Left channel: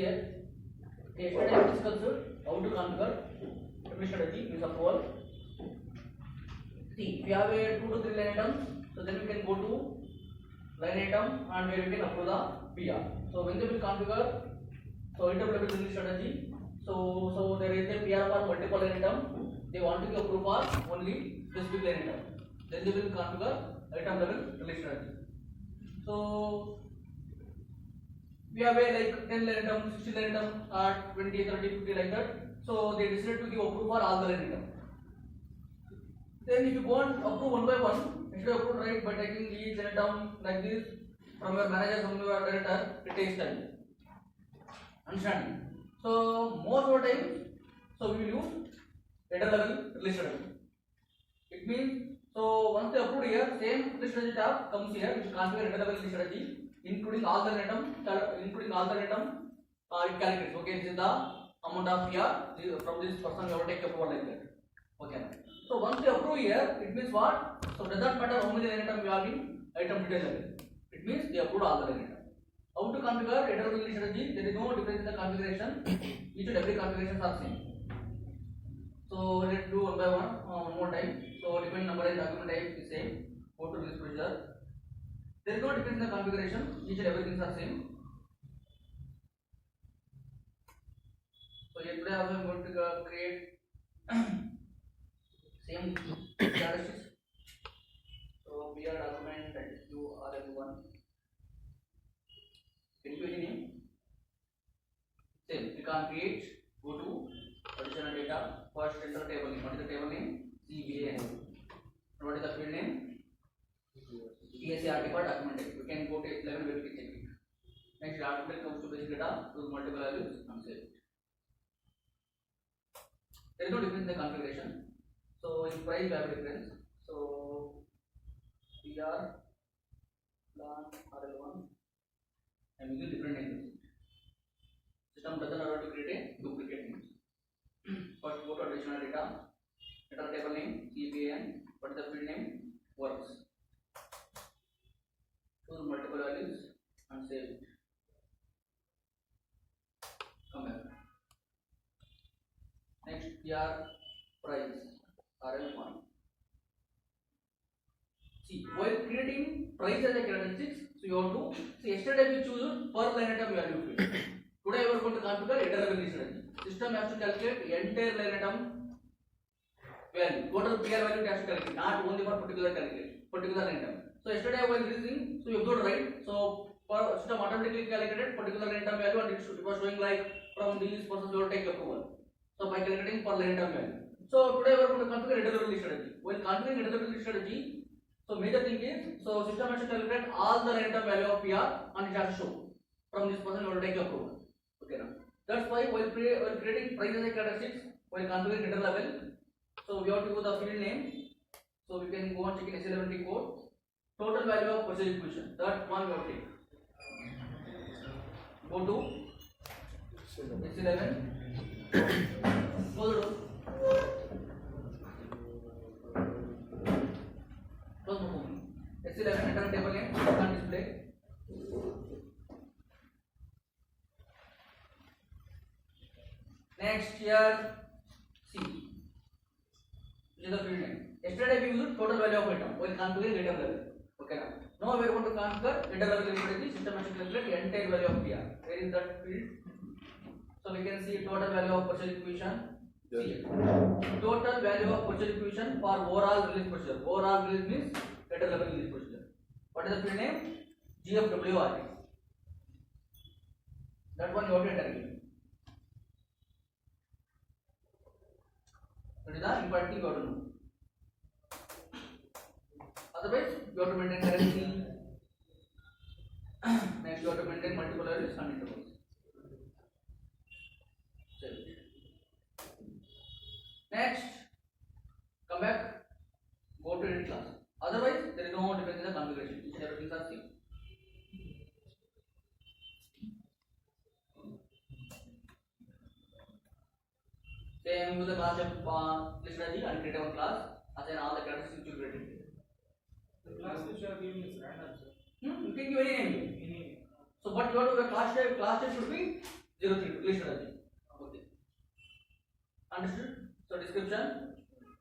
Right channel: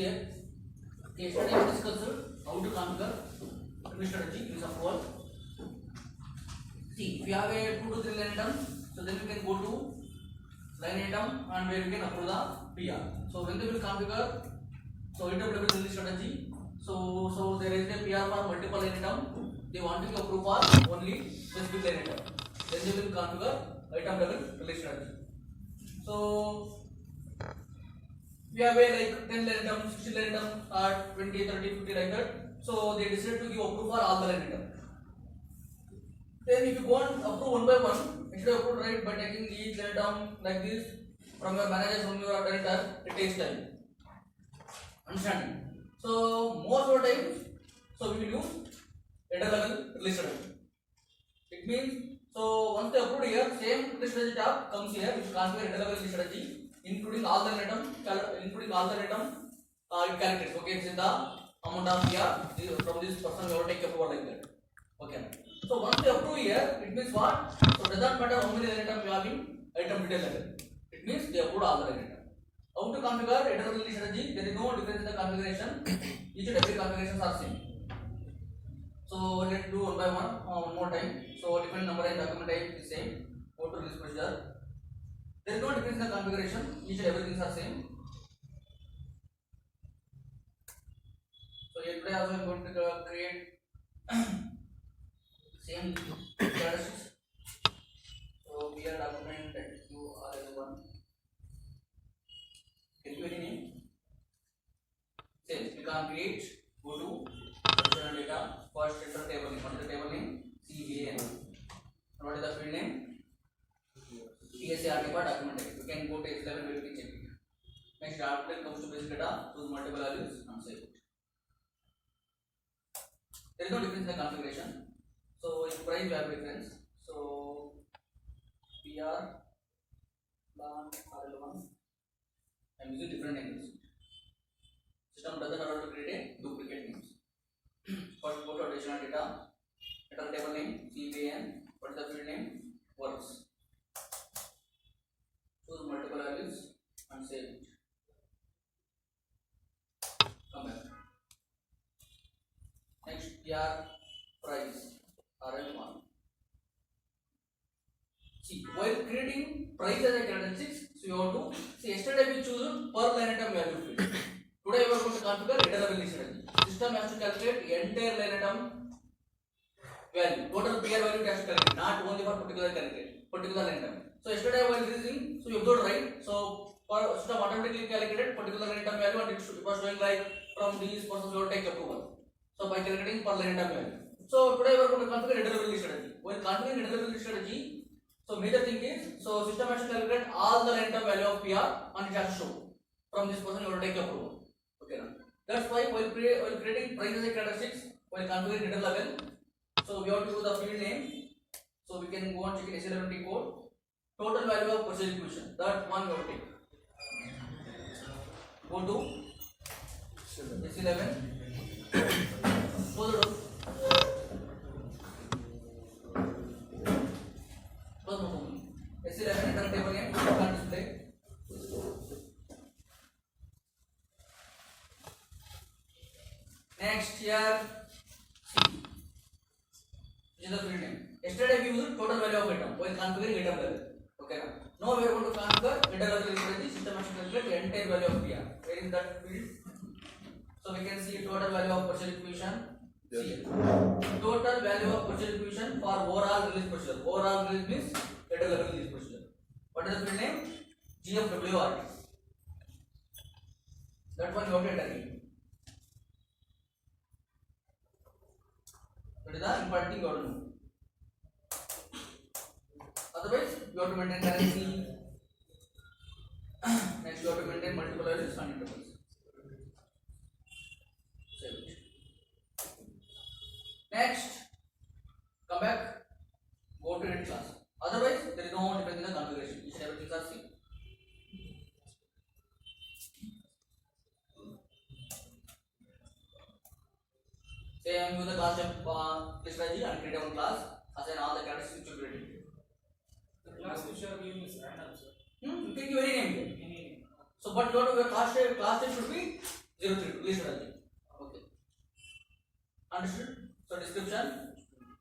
see here. Okay, yesterday we discussed how to configure memory strategy use of all. See, if you have a 2 to 3 line item, so then you can go to line item and you can approve the PR. So when they will configure, so interpretable memory strategy. So there is a PR for multiple line item. They want to approve for only specific line item. Then they will configure item level release strategy. So we have a like 10 line item, 60 line item, 20, 30, 50 like that. So they decided to give approve for all the line item. Then if you go and approve one by one, instead of approve right by taking each line item like this from your manager, from your director, it takes time. Understanding? So most of the time, so we will use header level release strategy. It means so once they approve here, same release strategy tab comes here. You configure header level release strategy, including all the item, it calculates. Okay, this is the amount of PR from this person. We will take approval like that. Okay. So once they approve here, it means what? So it doesn't matter how many item we have in item detail level. It means they approve all the item. How to configure header level release strategy? There is no difference in the configuration. Each and every configurations are same. So let's do one by one more time. So different number and document type is same. Go to release procedure. There is no difference in the configuration. Each and everything are same. So here today also I am going to create same characteristics. So here document that you are as one. Can you any name? Same. We can create. Go to position data. First enter table name. What is the table name? CVAN. And what is the field name? PSART for document type. You can go to H11 where you can check it. Next, document comes to basic data, choose multiple values and save it. There is no difference in the configuration. So in price you have a difference. So PR, LAN, RL1. I am using different names. System doesn't allow to create a duplicate names. First go to additional data. Enter table name CVAN. What is the field name? Works. Choose multiple values and save it. Come back. Next, PR price RL1. See, while creating price as a characteristics, so you have to see yesterday we choose per line item value field. Today we are going to configure header level strategy. System has to calculate entire line item value. Total PR value has to calculate, not only for particular line item. So yesterday while releasing, so you observed right. So for system automatically calculated particular line item value and it was showing like from these persons will take approval. So by calculating per line item value. So today we are going to configure header level strategy. While configuring header level strategy, so major thing is so system has to calculate all the line item value of PR and it has to show from this person will take approval. Okay, now that's why while creating price as a characteristics, while configuring header level, so we have to do the field name. So we can go and check in S11 code. Total value of purchase equation. That one we have to take. Go to S11. Close the door. Close the door. S11 enter table name. You can display. Next here, C. Which is the field name. Yesterday we used total value of item while configuring item level. Okay, now we are going to configure header level strategy. System has to calculate entire value of PR. Where is that field? So we can see total value of purchase equation. Yes. See total value of purchase equation for overall release procedure. Overall release means header level release procedure. What is the field name? GFWRT. That one you have to enter in. That is the important thing you have to know. Otherwise, you have to maintain currency. Next, you have to maintain multiple values and intervals. Save it. Next, come back. Go to init class. Otherwise, there is no difference in the configuration. Each and everything are same. Same use the class of strategy and create one class. Assign all the characteristics you created. The class which you are giving is random, sir. You can give any name. So, but your class name should be 032 list strategy. Okay. Understood? So description.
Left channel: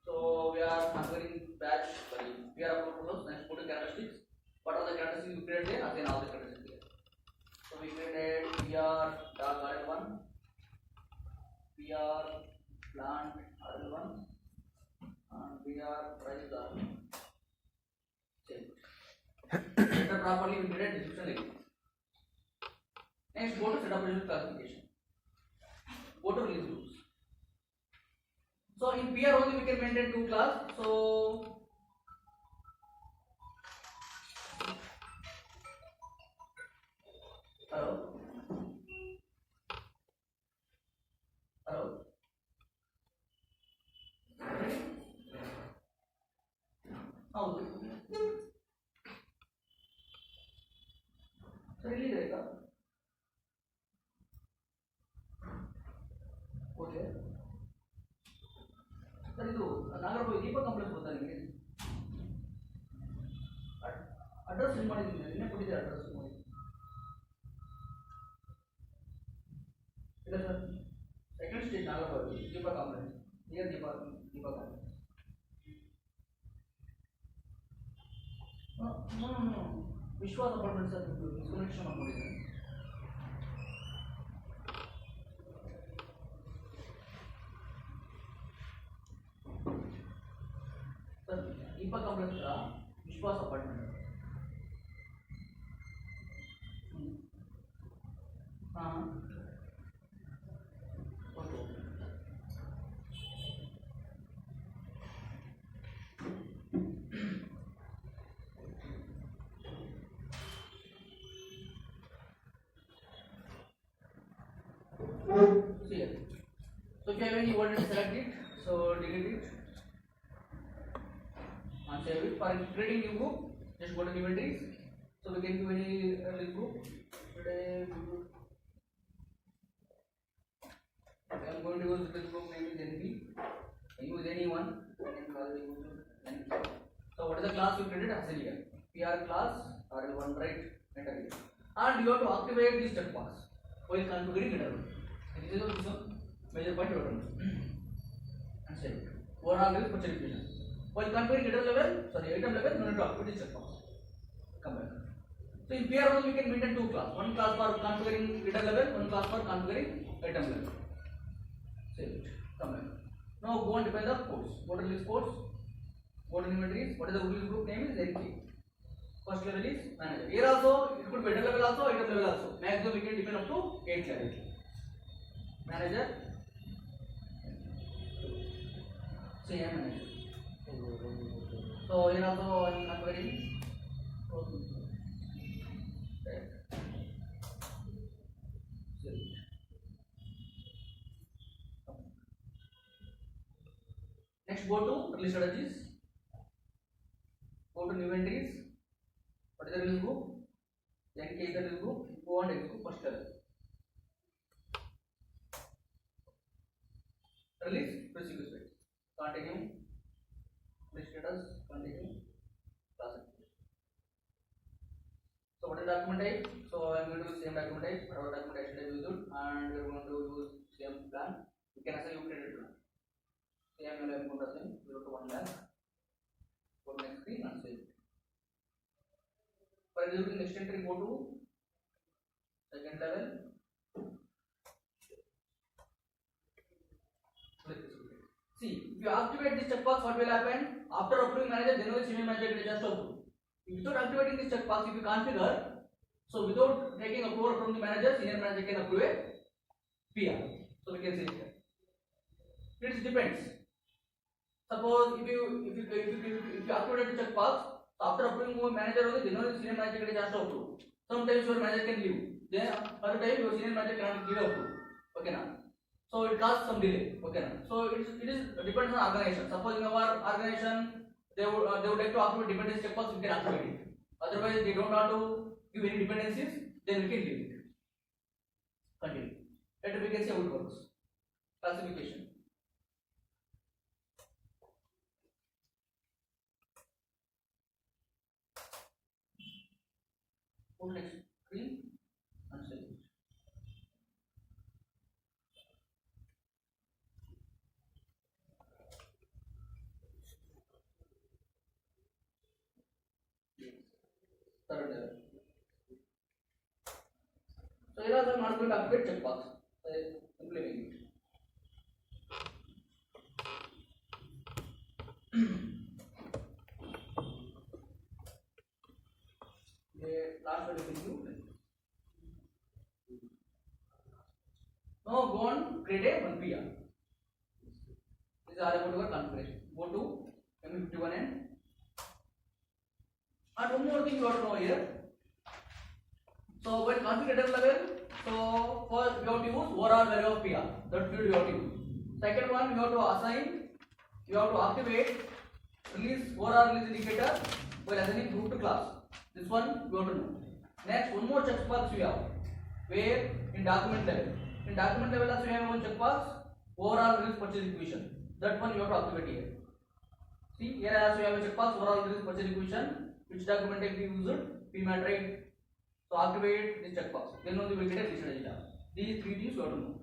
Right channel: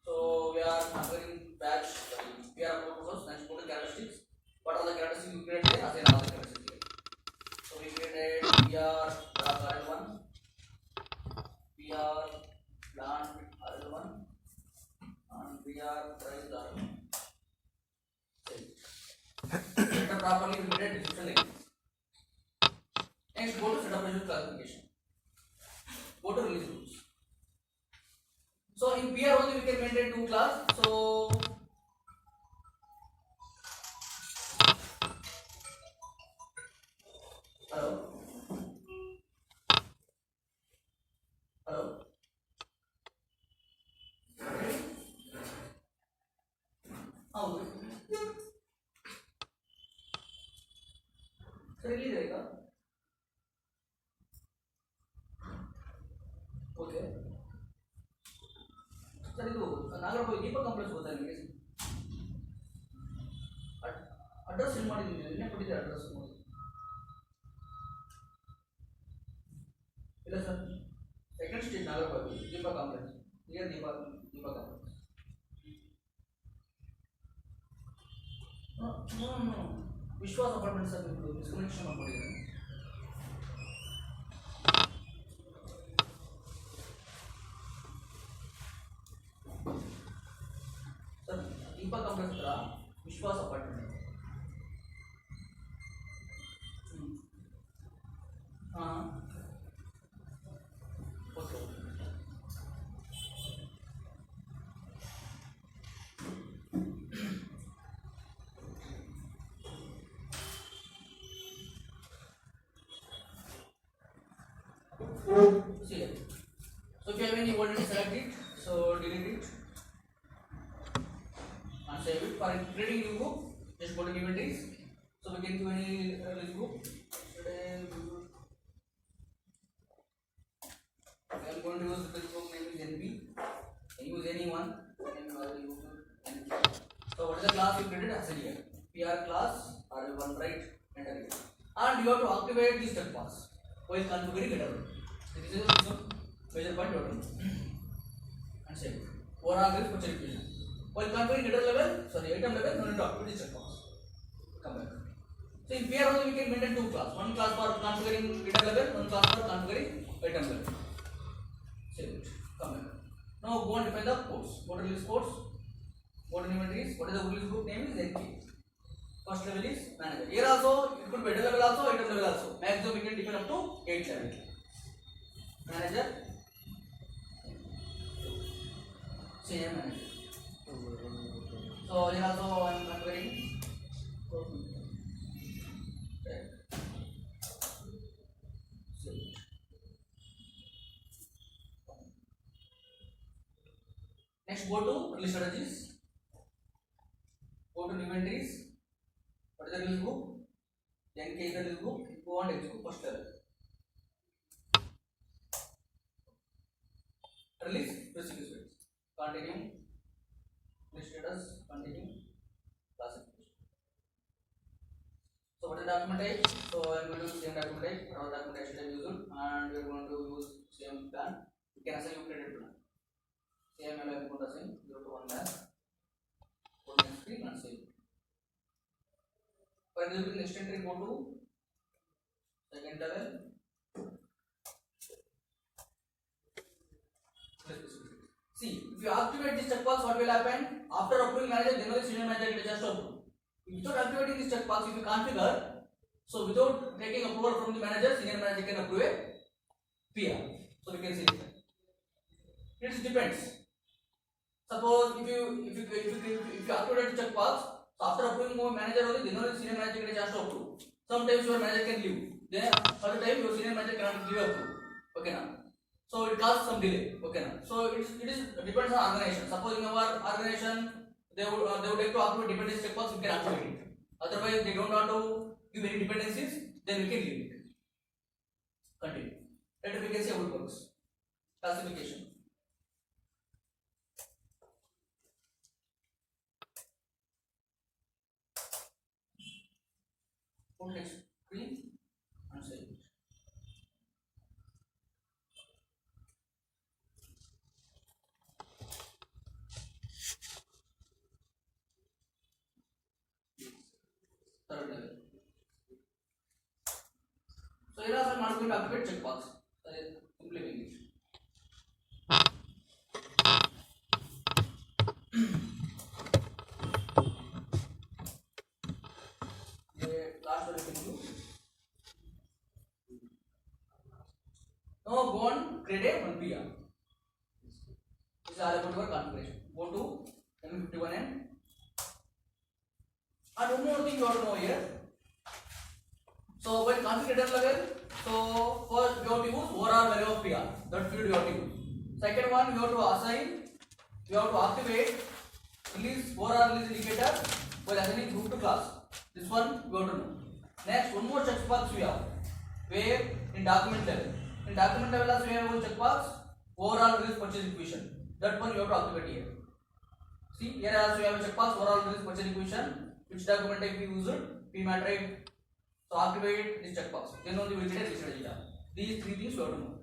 So we are covering batch. Sorry, we are about process. Next, go to characteristics. What are the characteristics you created here? Assign all the characteristics here. So we created PR RL1, PR plant RL1, and PR price RL1. Set up properly. We created description like this. Next, go to setup result classification. Go to release groups. So in PR only we can maintain two class. So hello, hello. Oh, so release रहेगा. Okay. Sir ಇದು ನಾಗರಬಾವಿ ದೀಪ complex ಗೊತ್ತಾ ನಿಮಗೆ? Address ಏನು ಮಾಡಿದ್ದೀನಿ ನಿನ್ನೆ ಕೊಟ್ಟಿದ್ದೆ address ನೋಡಿ. ಇಲ್ಲ ಸರ್, ಸೆಕೆಂಡ್ ಸ್ಟ್ರೀಟ್ ನಾಗರಬಾವಿ ದೀಪ ಕಾಂಪ್ಲೆಕ್ಸ್ ನಿಯರ್ ದೀಪ ಕಾಂಪ್ಲೆಕ್ಸ್. ನೋ ವಿಶ್ವಾಸ ಅಪಾರ್ಟ್ಮೆಂಟ್ಸ್ ಸರ್, ಮಿಸ್ಕಮ್ಯುನಿಕೇಶನ್ ಮಾಡ್ಕೊಂಡಿದ್ದೀನಿ. ಸರ್ ದೀಪ ಕಾಂಪ್ಲೆಕ್ಸ್ ಹತ್ರ ವಿಶ್ವಾಸ ಅಪಾರ್ಟ್ಮೆಂಟ್. ಹಾಂ okay. See here. So if you have any already select it, so delete it and save it. For creating new group, just go to new entries. So we can give any release group. Today I am going to use this group name is NP. Use any one. NP. So what is the class you created? Assign here. PR class RL1, right? Enter it. And you have to activate this checkbox while configuring it. This is a major point you have to do. And save it. Overall is for verification. While configuring header level, sorry, item level, no need to activate this checkbox. Come back. So in PR only we can maintain two class. One class for configuring header level, one class for configuring item level. Save it. Come back. Now go and define the codes. Go to release codes. Go to new entries. What is the release group name is NK. First level is manager. Here also it could be header level also, item level also. Maximum we can define up to 8 level. Manager. CM manager. So here also I am configuring. Next, go to release strategies. Go to new entries. What is the release group? NK is the release group. Go and execute first level. Release procedures weights. Continue. List status. Continue. Classification. So what is the document type? So I am going to use same document type. Our document type is used, and we are going to use same plan. You can assign your credit plan. Same I am going to assign 0 to 1 lakh. Go to next screen and save. For executing next entry, go to second level. See, if you activate this checkbox, what will happen? After approving manager, then only senior manager get a chance to approve. Without activating this checkbox, if you configure, so without taking approval from the manager, senior manager can approve a PR. So we can see it. It depends. Suppose if you activate the checkbox, after approving one manager only, then only senior manager get a chance to approve. Sometimes your manager can leave. Then other time your senior manager cannot give approve. Okay now. So it causes some delay. Okay now. So it is depends on organization. Suppose in our organization they would like to activate dependency checkbox, we can activate it. Otherwise they don't want to give any dependencies, then we can leave it. Continue. Later we can see how it works. Classification. Go next screen and save it. here also I'm not going to activate checkbox. So simply make it. The last one you can do. Now go on create a one PR. This is all about your configuration. Go to M51 and one more thing you have to know here. So when configurator level, so first you have to use overall value of PR. That field you have to use. Second one you have to assign, you have to activate release overall release indicator while assigning group to class. This one you have to know. Next one more checkbox we have. Where in document level. In document level also we have one checkbox overall release purchase equation. That one you have to activate here. See here also we have a checkbox overall release purchase equation. Which document type we used? P matrix. So activate this checkbox. Then only we will get this data. These three things you have to know.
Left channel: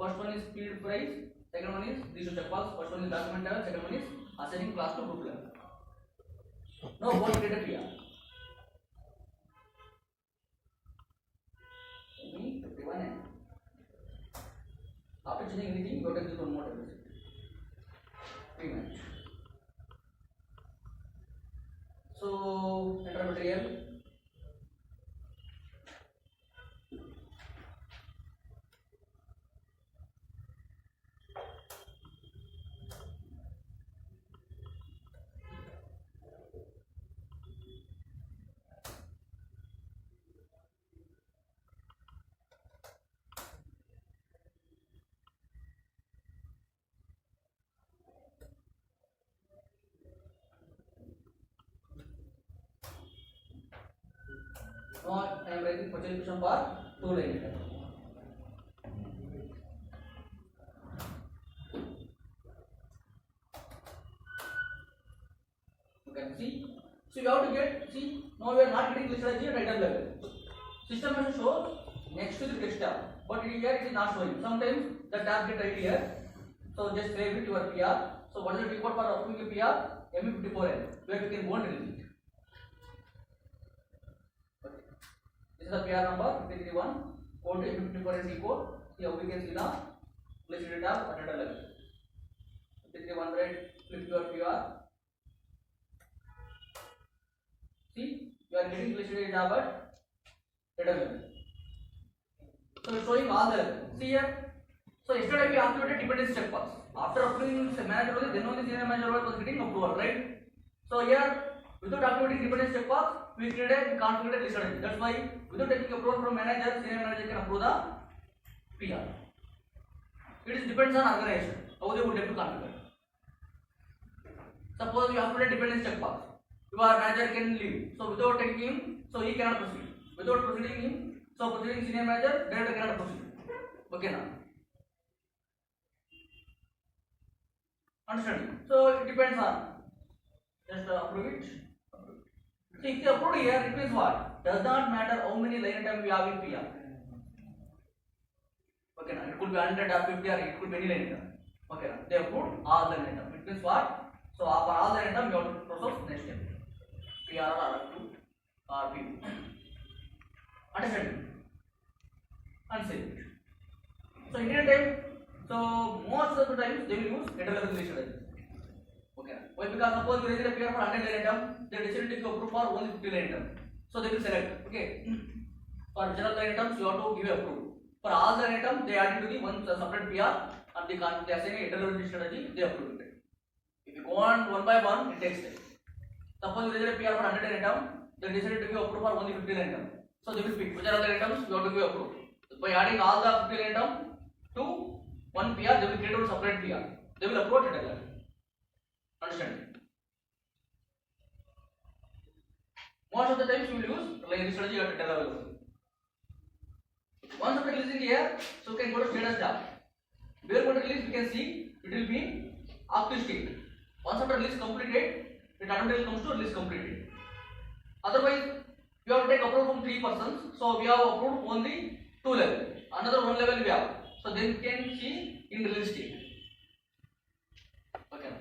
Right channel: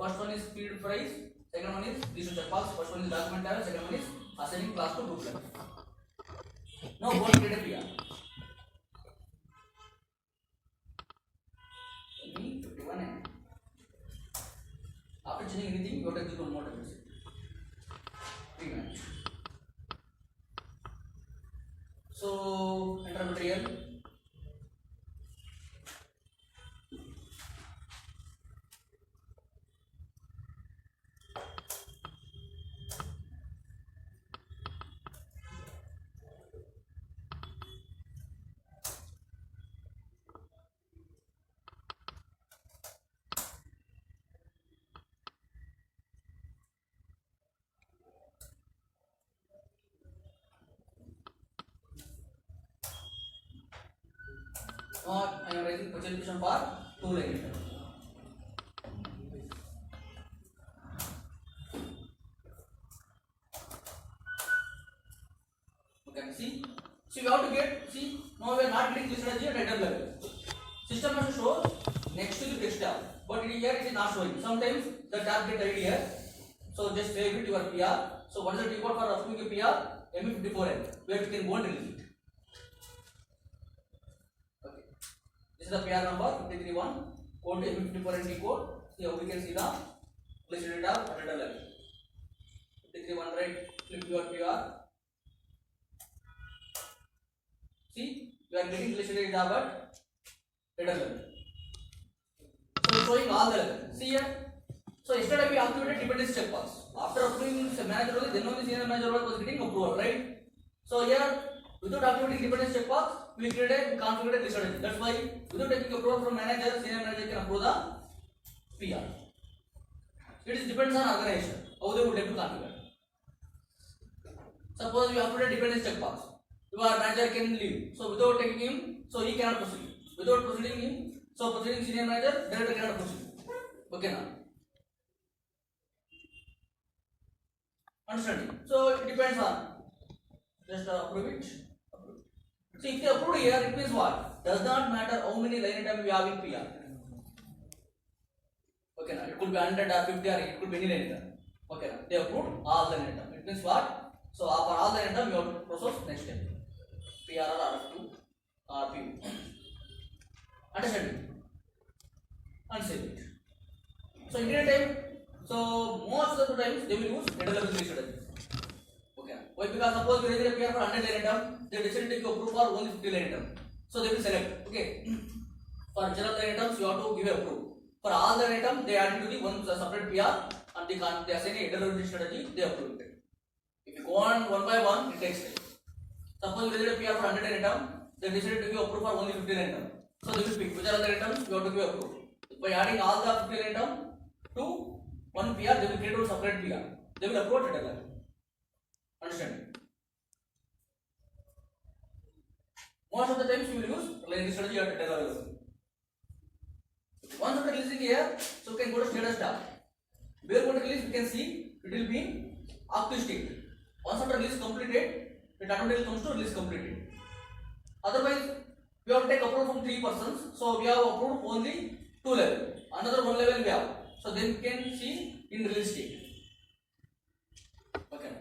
First one is field price. Second one is this checkbox. First one is document level. Second one is assigning class to group level. Now go and get a PR. After changing anything, you have to execute one more time. Rematch. So enter material. Now I am writing purchase equation for 2 line item. Okay, see. So we have to get, see, now we are not getting this at the item level. System has to show next to the text tab, but in here it is not showing. Sometimes the tab get right here. So just save it your PR. So what is the default for approving a PR? ME54N, where you can go and release it. This is the PR number 531. Code to M54N code. Here we can see the list data at data level. 53100 flip your PR. See, we are getting list data but data level. So showing all the level. See here. So yesterday we activated dependency checkbox. After approving manager only, then only senior manager was getting approval, right? So here, without activating dependency checkbox, we created configured list strategy. That's why without taking approval from manager, senior manager can approve the PR. It is depends on organization how they would like to configure. Suppose you activate dependency checkbox, your manager can leave. So without taking him, so he cannot proceed. Without proceeding him, so proceeding senior manager, director cannot proceed. Okay now. Understanding? So it depends on. Just approve it. See, if you approve here, it means what? Does not matter how many line items we have in PR. Okay now, it could be 100 or 50 or it could be any line item. Okay now, they approved all the line items. It means what? So for all the line items, you have to process next step. PR or R2 or P. Understanding? And save it. So in any time, so most of the times they will use data level strategy. Okay. Why? Because suppose you raise a PR for 100 line item, they decided to approve for only 50 line item. So they will select. Okay. For general line items, you have to give approve. For all the line items, they add into the one separate PR and they assign a data level strategy. They approve it. If you go on one by one, it takes time. Suppose you raise a PR for 100 line item, they decided to give approve for only 50 line item. So they will pick which are the items you have to give approve. By adding all the 50 line item to one PR, they will create a separate PR. They will approve it together. Understand? Most of the times you will use line strategy at data level. Once after releasing here, so you can go to status tab. Where go to release, we can see it will be active state. Once after release completed, it automatically comes to release completed. Otherwise, we have to take approval from 3 persons. So we have approved only 2 levels. Another 1 level we have. So then we can see in release state. Okay.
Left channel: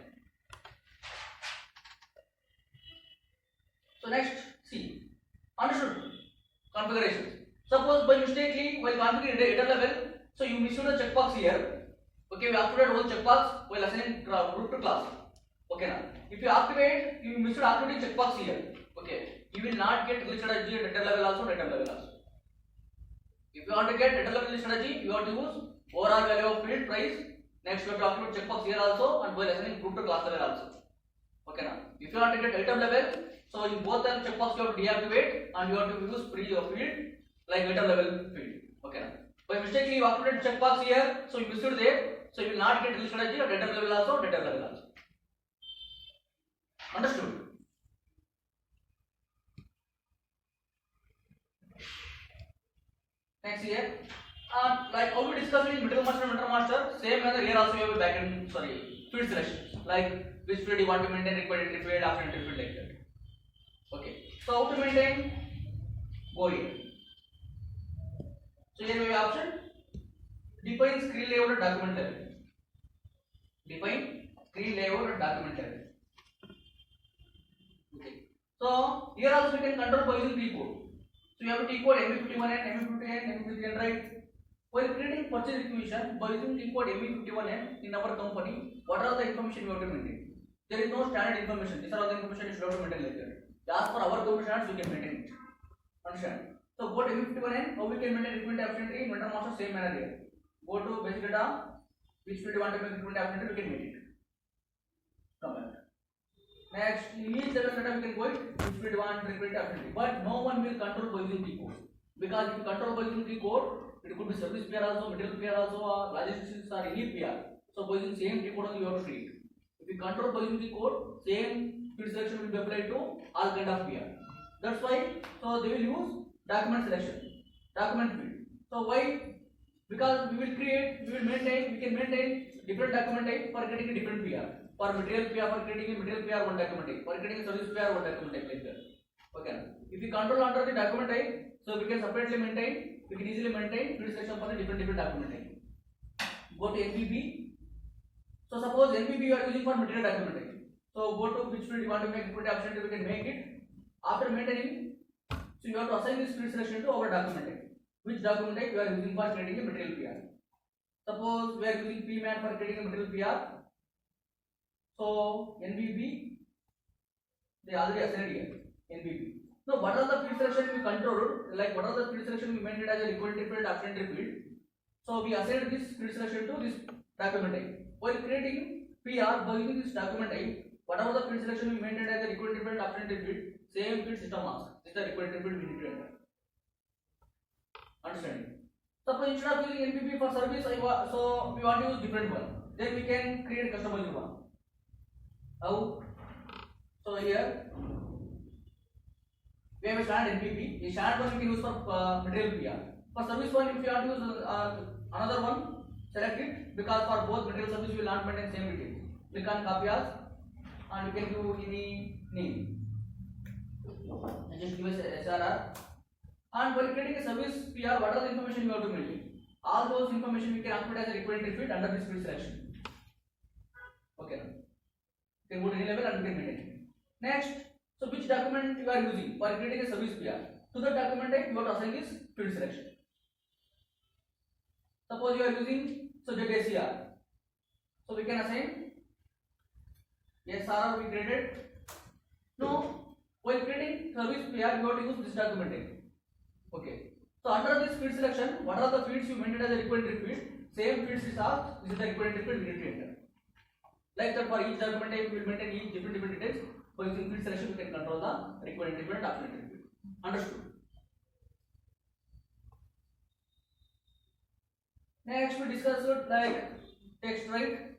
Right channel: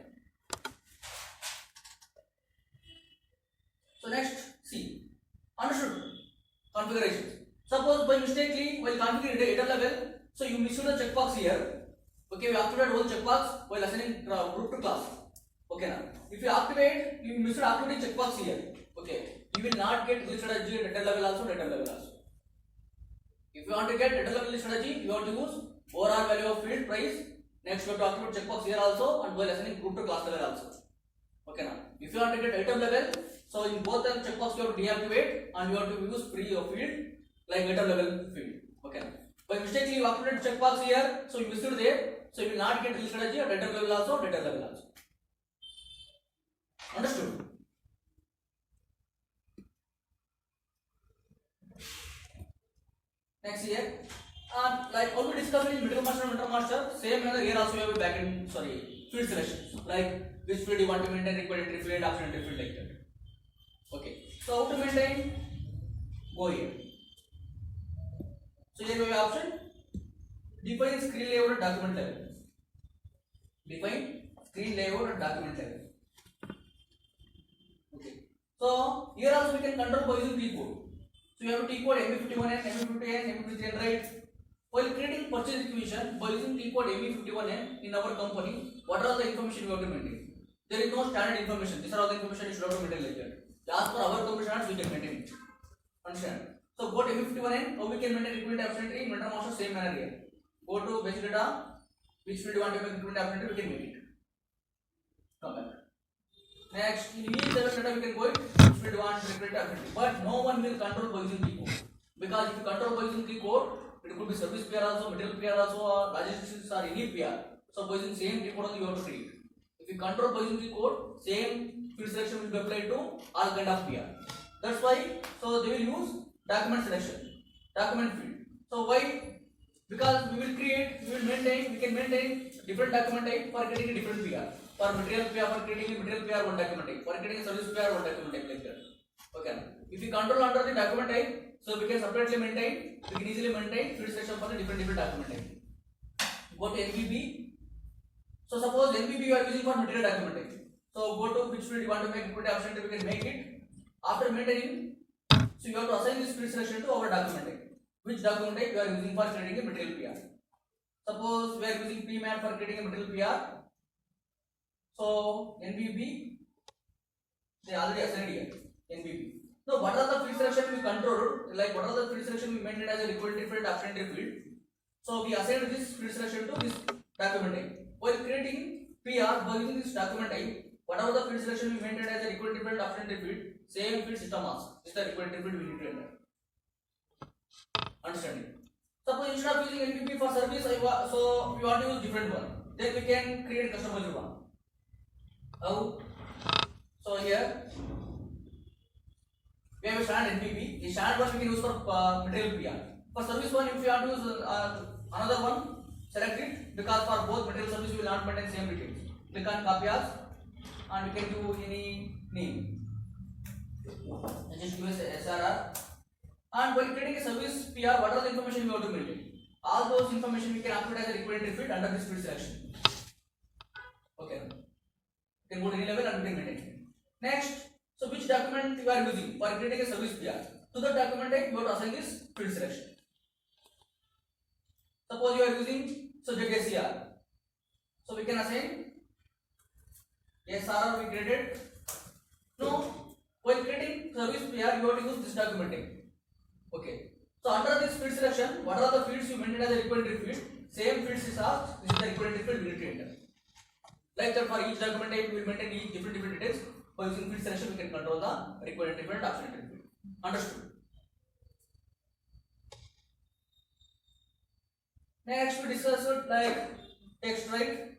So next, see. Understood? Configurations. Suppose by mistakenly while checkbox here. Okay, we activate one checkbox while assigning group to class. Okay, now if you activate, you missed activating checkbox here. Okay, you will not get glitch strategy at data level also, data level also. If you want to get data level strategy, you have to use overall value of field price. Next, you have to activate checkbox here also and while assigning group to class level also. Okay, now if you want to get item level, so in both the checkbox you have to deactivate and you have to use free of field like item level field. Okay, now by mistakenly you activated checkbox here, so you missed it there, so you will not get glitch strategy of item level also, data level also. Understood? Next here, like how we discussed in middle master and inter master, same manner here also we have a backend, field selections, like which field you want to maintain, required entry field, option entry field, like that. Okay, so how to maintain? Go here. So here we have option, define screen layout at document level. Define screen layout at document level. Okay, so here also we can control by using T code. So you have to T code MB51N, MB50N, MB50N, right? While creating purchase requisition by using T code MB51N in our company, what are the information you have to maintain? There is no standard information. These are all the information you should have to maintain like that. As per our permissions, we can maintain it. Understand? So go to MB51N, how we can maintain requirement option entry in Mentor Master, same manner here. Go to basic data, which field you want to make requirement option entry, we can make it. Come back. Next, in each data we can go it, which field you want requirement option entry. But no one will control by using T code. Because if you control by using T code, it could be service PR also, material PR also, or logistics or any PR. So by using same T code you have to create. If you control by using T code, same field selection will be applied to all kind of PR. That's why, so they will use document selection, document field. So why? Because we will maintain, we can maintain different document type for creating a different PR. For material PR, for creating a material PR, one document type. For creating a service PR, one document type, like that. Okay. If we control under the document type, so we can separately maintain, we can easily maintain field selection for the different document type. Go to NBB. So suppose NBB you are using for material document type. So go to which field you want to make requirement option type, we can make it. After maintaining, so you have to assign this field selection to our document type. Which document type we are using for creating a material PR? Suppose we are using PMAT for creating a material PR. So NBB, they already assigned here. NBB. Now what are the field selection we controlled? Like what are the field selection we maintained as a required field, option entry field? So we assigned this field selection to this document type. While creating PR by using this document type, whatever the field selection we maintained as a required field, option entry field, same field system mask. This is the required field we need to enter. Understanding? Suppose instead of using NBB for service, so we want to use different one. Then we can create a customized one. How? So here we have a standard NBB. The standard one we can use for material PR. For service one, if we want to use another one, select it, because for both material service we will not maintain same details. Click on copy as and we can do any name. And just give us SRR. And while creating a service PR, what are the information we have to maintain? All those information we can activate as a required field under this field selection. Okay. You can go to any level and we can maintain it. Next, so which document you are using for creating a service PR? To the document type, you have to assign this field selection. Suppose you are using ZSCR. So we can assign SRR we created. No, while creating service PR, you have to use this document type. Okay. So under this field selection, what are the fields you maintain as a required field? Same fields is asked. This is the required field we need to enter. Like that, for each document type, we will maintain each different details. By using field selection, we can control the required field, option field. Understood? Next, we discuss like text right.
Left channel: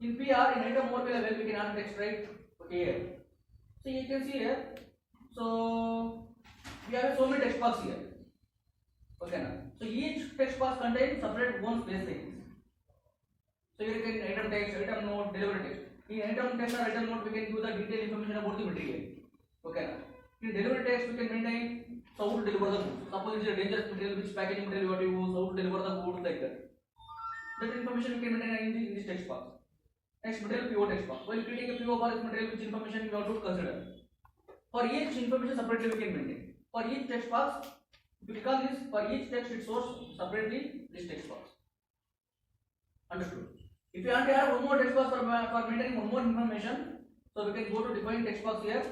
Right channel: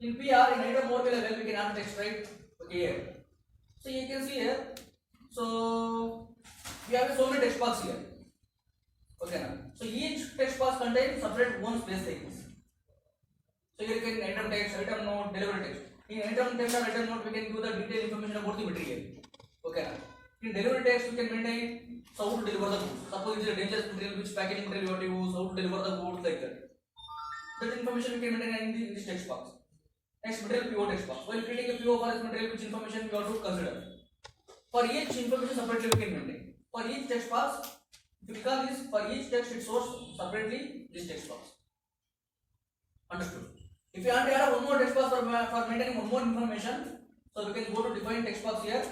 In PR, in item mode level, we can add text right. Okay, here. So you can see here. So we have so many text box here. Okay, now. So each text box contains separate one space like this. So here you can item text, item node, delivery text. In item text or item node, we can give the detailed information about the material. Okay, now. In delivery text, we can maintain how to deliver the goods. Suppose it is a dangerous material, which packaging material you have to use, how to deliver the goods, like that. That information we can maintain in this text box. Next, material PO text box. While creating a PO for this material, which information we have to consider. For each information separately we can maintain. For each text box, if you click on this, for each text it shows separately this text box. Understood. If you want to add one more text box for maintaining one more information, so we can go to define text box here.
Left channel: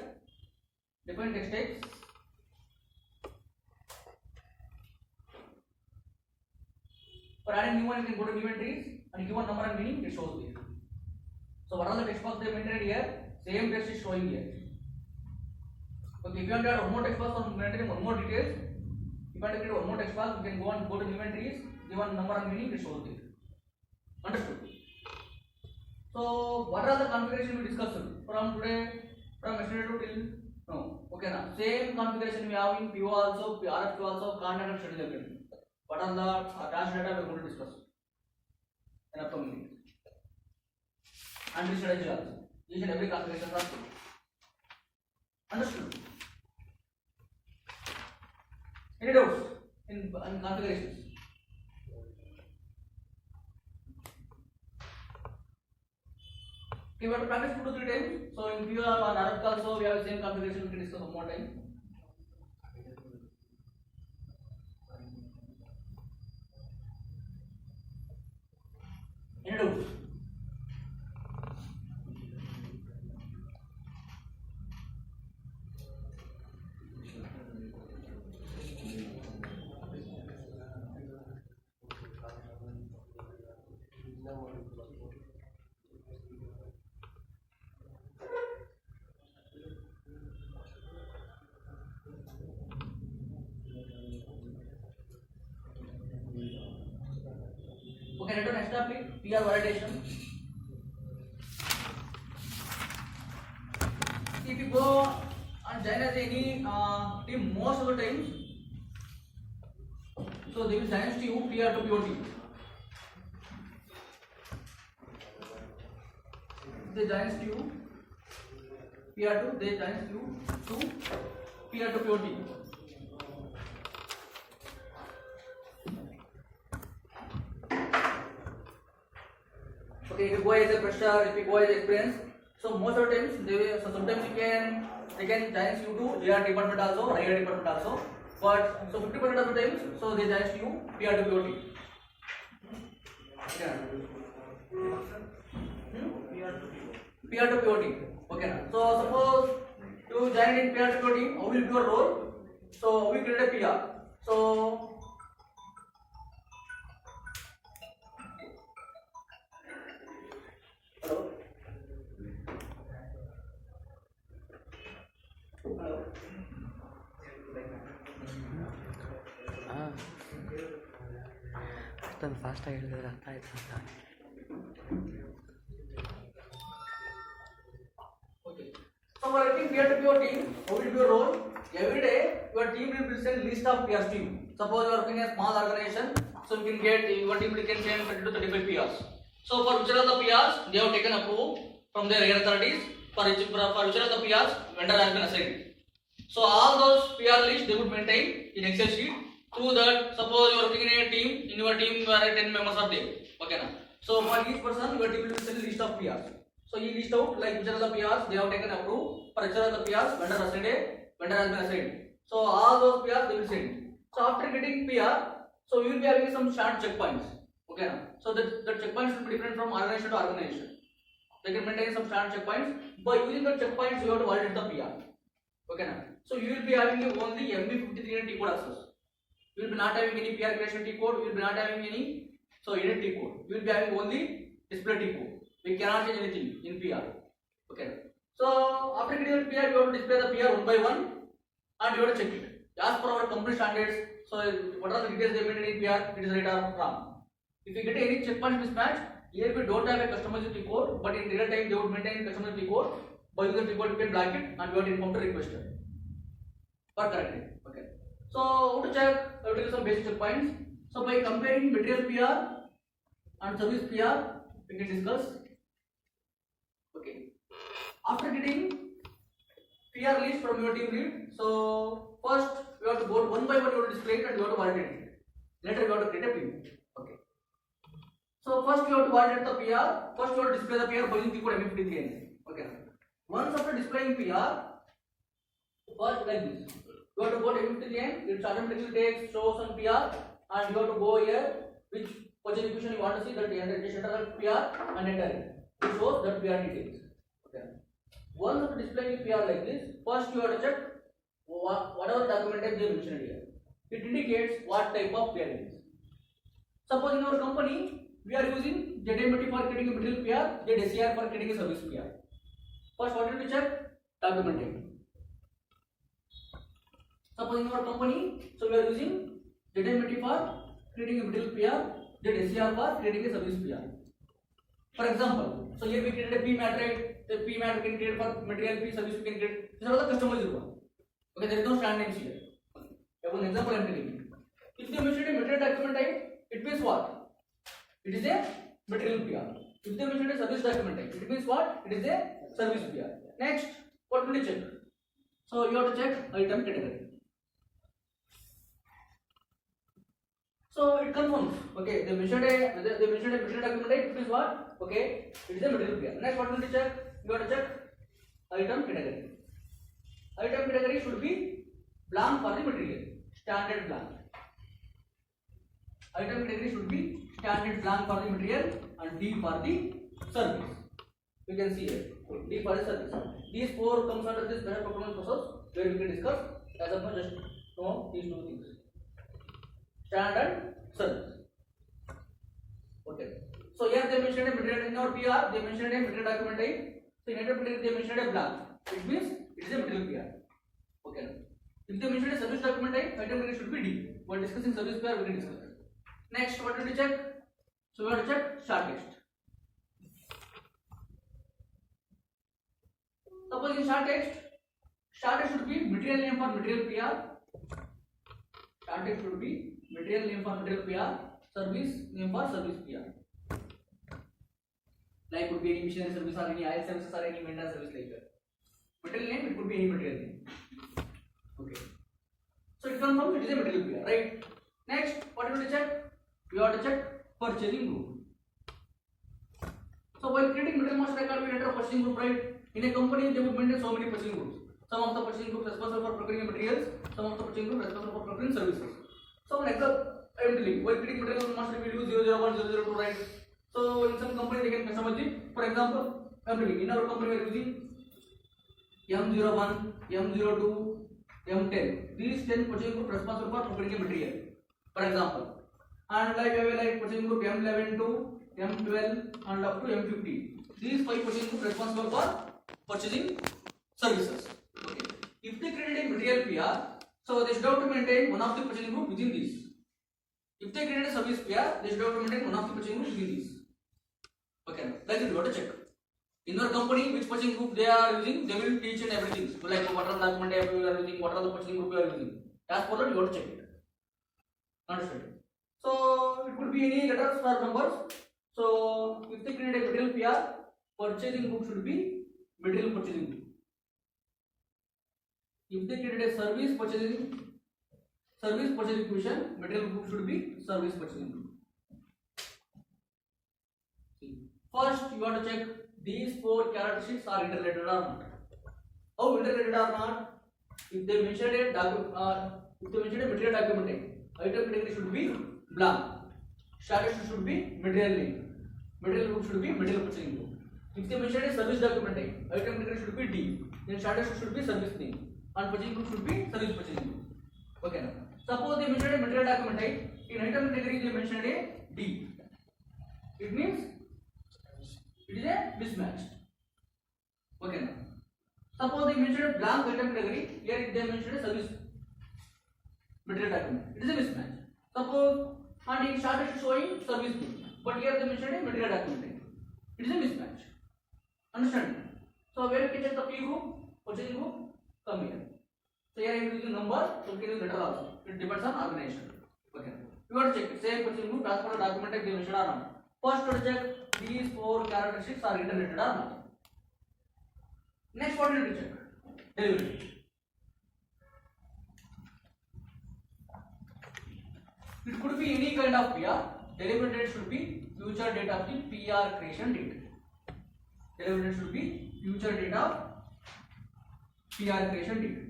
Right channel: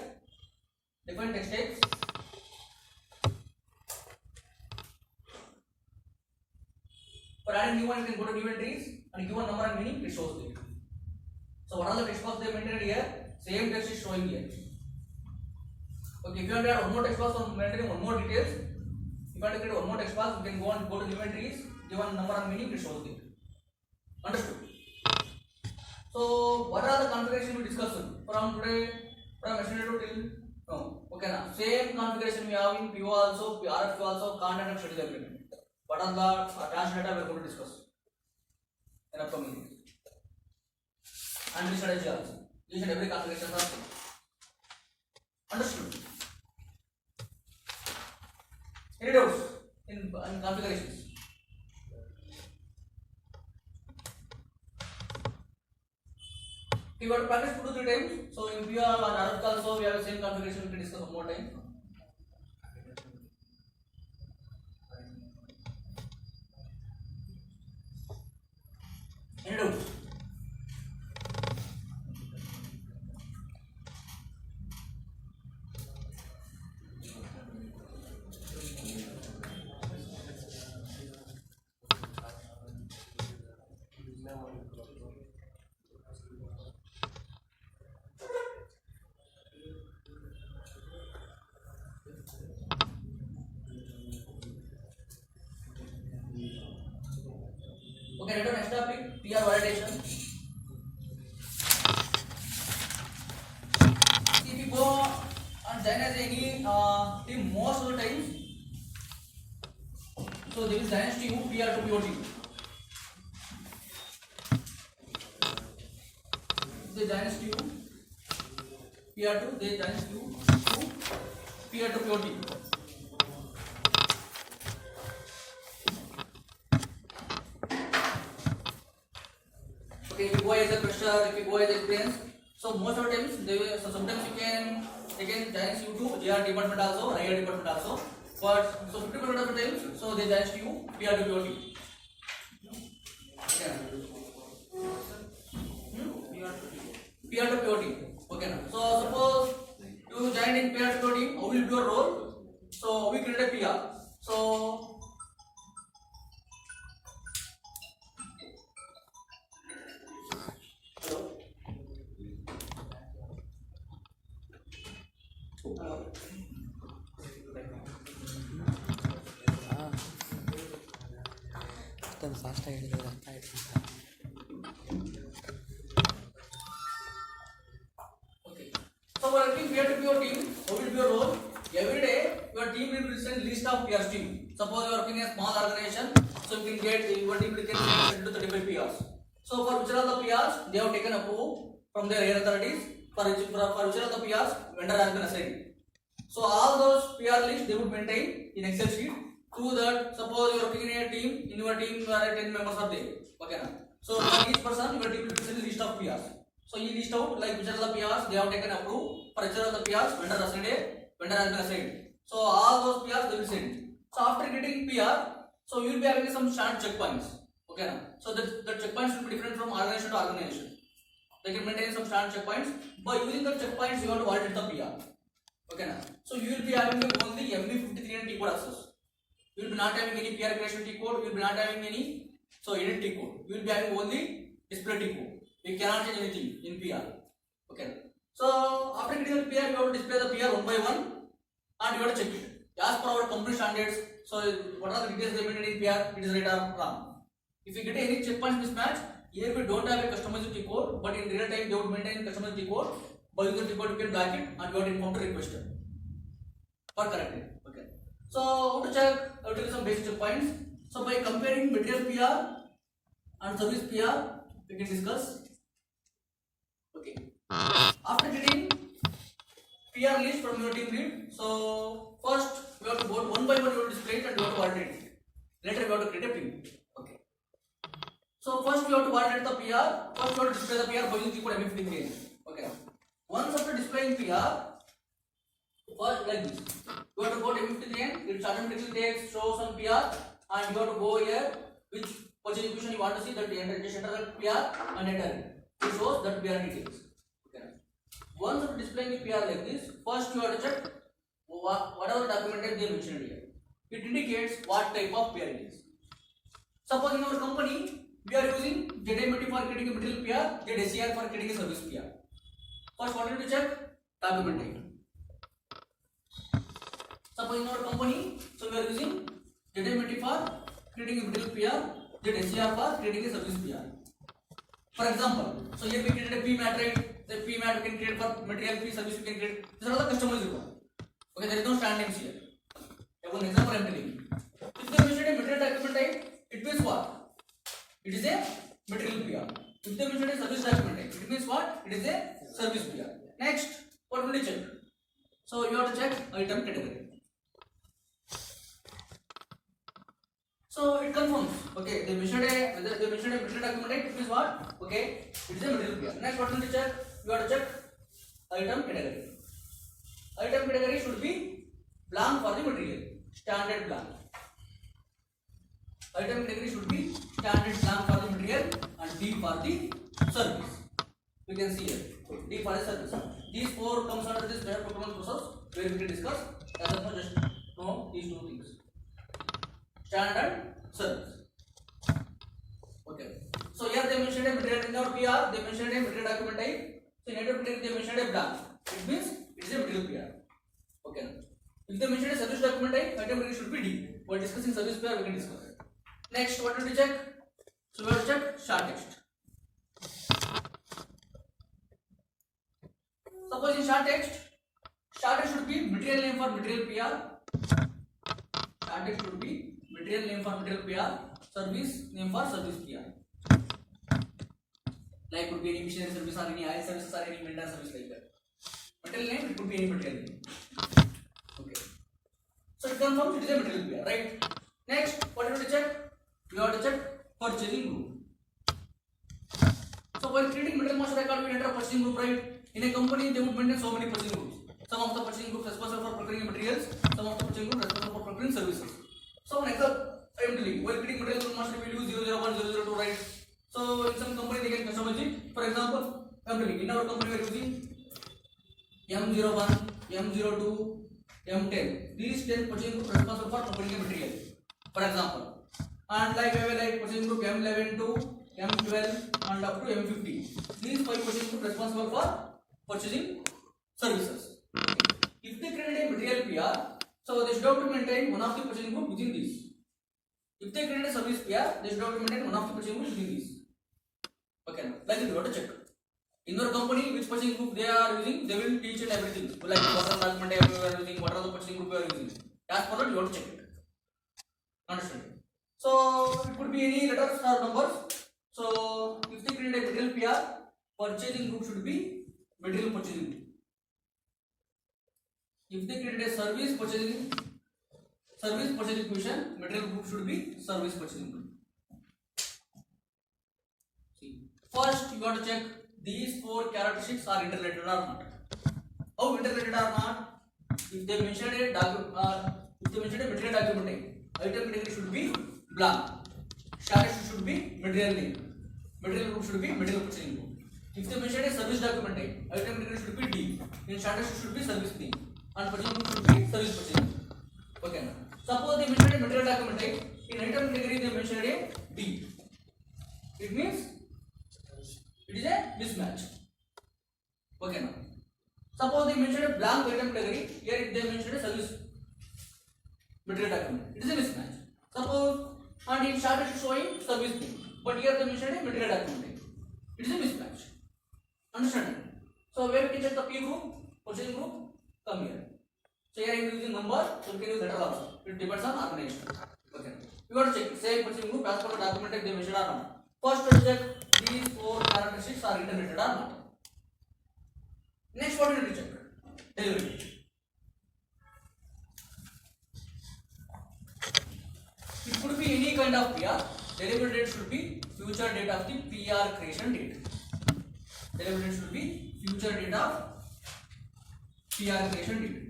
Define text text. For adding new one, you can go to new entries and given number and meaning it shows there. So what are the text box they maintained here? Same text is showing here. Okay, if you want to add one more text box for maintaining one more details, if you want to create one more text box, you can go to new entries, given number and meaning it shows there. Understood? So what are the configuration we discussed from today, from yesterday to till no? Okay, now same configuration we have in PO also, RFQ also, content and schedule agreement. What are the attached data we are going to discuss in upcoming week. And the strategy also. Each and every configuration are same. Understood? Any doubts in configurations? We want to practice 2 to 3 times. So in PR and RFQ also we have the same configuration. We can discuss one more time. Any doubts? Okay, return next topic, PR validation. If you go and join as any team most of the times, so they will join as team PR to PO team. They join as team PR2, they join as team to PR to PO team. Okay, if you go as a fresher, if you go as experience, so most of the times sometimes they can join you to JR department also, IR department also, but so 50% of the times, so they join you PR to PO team. Yeah. PR to PO team. Okay. So suppose you join in PR to PO team, how will be your role? So we create a PR. So ಅಷ್ಟೊಂದು ಫಾಸ್ಟಾಗಿ ಹೇಳಿದ್ರೆ ಅರ್ಥ ಆಯ್ತು ಅಂತ. okay. So for working PR to PO team, how will be your role? Every day your team will present list of PRs team. Suppose you are working in a small organization, so you can get your team can get 30 to 35 PRs. So for which are the PRs they have taken approval from their higher authorities. For which are the PRs vendor has been assigned. So all those PR lists they would maintain in Excel sheet. Through that, suppose you are working in a team, in your team there are 10 members are there. Okay na? So for each person your team will present a list of PRs. So you list out like which are the PRs they have taken approve. For which are the PRs vendor has been assigned. So all those PRs they will send. So after getting PR, so you will be having some short checkpoints. Okay na? So the checkpoints will be different from organization to organization. They can maintain some short checkpoints. By using the checkpoints you have to validate the PR. Okay na? So you will be having only MB53 and T code access. You will be not having any PR creation T code. You will be not having any edit T code. You will be having only display T code. We cannot change anything in PR. Okay. So after getting the PR, you have to display the PR one by one, and you have to check it as per our company standards. So what are the details they maintain in PR? It is right or wrong. If you get any checkpoint mismatch, here we don't have a customized T code, but in real time they would maintain customized T code. By using T code, you can block it, and you have to inform the requester for correcting. Okay. So how to check? I will tell you some basic checkpoints. So by comparing material PR and service PR, we can discuss. Okay. After getting PR list from your team lead, so first we have to go one by one. You have to display it and you have to validate it. Later we have to create a PO. Okay. So first we have to validate the PR. First we have to display the PR by using T code MF53. Okay. Once after displaying PR, first like this. You have to go to MF53, it automatically takes shows on PR, and you have to go here which purchase equation, you want to see that the enter PR and enter it. It shows that PR details. Okay. Once you displaying the PR like this, first you have to check whatever documented they mentioned here. It indicates what type of PR it is. Suppose in our company we are using ZMT for creating a material PR, ZSCR for creating a service PR. First, what need to check? Documentation. Suppose in our company, so we are using ZMT for creating a material PR, ZSCR for creating a service PR. For example, so here we created a PMAT, right? The PMAT we can create for material fee, service we can create. These are all the customers you want. Okay, there is no stand names here. One example I am telling you. If they mention a material document type, it means what? It is a material PR. If they mention a service document type, it means what? It is a service PR. Next, what will you check? So you have to check item category. So it confirms. Okay, they mentioned a material document type, it means what? Okay, it is a material PR. Next, what will you check? You have to check item category. Item category should be blank for the material, standard blank. Item category should be standard blank for the material and D for the service. You can see here, D for the service. These four comes under this special procurement process where we will discuss. That is not just know these two things. Standard service. Okay. So here they mentioned a material in our PR, they mentioned a material document type. So in item category they mentioned a blank. It means it is a material PR. Okay. If they mention a service document type, item category should be D. While discussing service PR, we can discuss it. Next, what did we check? So we have to check short text. Suppose in short text should be material name for material PR. Short text should be material name for material PR, service name for service PR. Like could be any missionary service or any IL services or any vendor service like that. Material name, it could be any material name. Okay. So it confirms it is a material PR, right? Next, what do we check? We have to check purchasing group. So while creating material master record, we enter a purchasing group, right? In a company, they would maintain so many purchasing groups. Some of the purchasing groups responsible for procuring materials, some of the purchasing groups responsible for procuring services. So, an example, I am telling you, while creating material master, we will use 001, 002, right? So, in some company, they can customize it. For example, I am telling you, in our company, we are using M01, M02, M10. These 10 purchasing groups responsible for procuring material. For example, and like I will like purchasing group M11 to M12 and up to M50. These 5 purchasing groups responsible for purchasing services. If they created a material PR, so they should have to maintain one of the purchasing group within these. If they created a service PR, they should have to maintain one of the purchasing group within these. Okay, that's it. You have to check. In your company, which purchasing group they are using, they will teach and everything. So like what are the document you are using, what are the purchasing group you are using. As per that, you have to check it. Understand? So it could be any letters or numbers. So if they create a material PR, purchasing group should be material purchasing group. If they created a service purchasing question, material group should be service purchasing group. See, first you have to check these 4 characteristics are interrelated or not. How interrelated or not? If they mentioned a material document name, item category should be blank. Status should be material name. Material group should be material purchasing group. If they mentioned a service document name, item category should be D. Then status should be service name. And purchasing group should be service purchasing group. Okay. Suppose they mentioned a material document type. In item category they mentioned a D. It means it is a mismatch. Okay. Now, suppose they mentioned a blank item category. Here they mentioned a service material document. It is a mismatch. Suppose and it started showing service name, but here they mentioned a material document type. It is a mismatch. Understand? So where we can check the P group, purchasing group, come here. So here I am using number, so we can use letter also. It depends on organization. Okay. You got to check same purchasing group as per the document type they mentioned or not. First to check these 4 characteristics are interrelated or not. Next, what do you check? Delivery date. It could be any kind of PR. Delivery date should be future date of the PR creation date. Delivery date should be future date of PR creation date.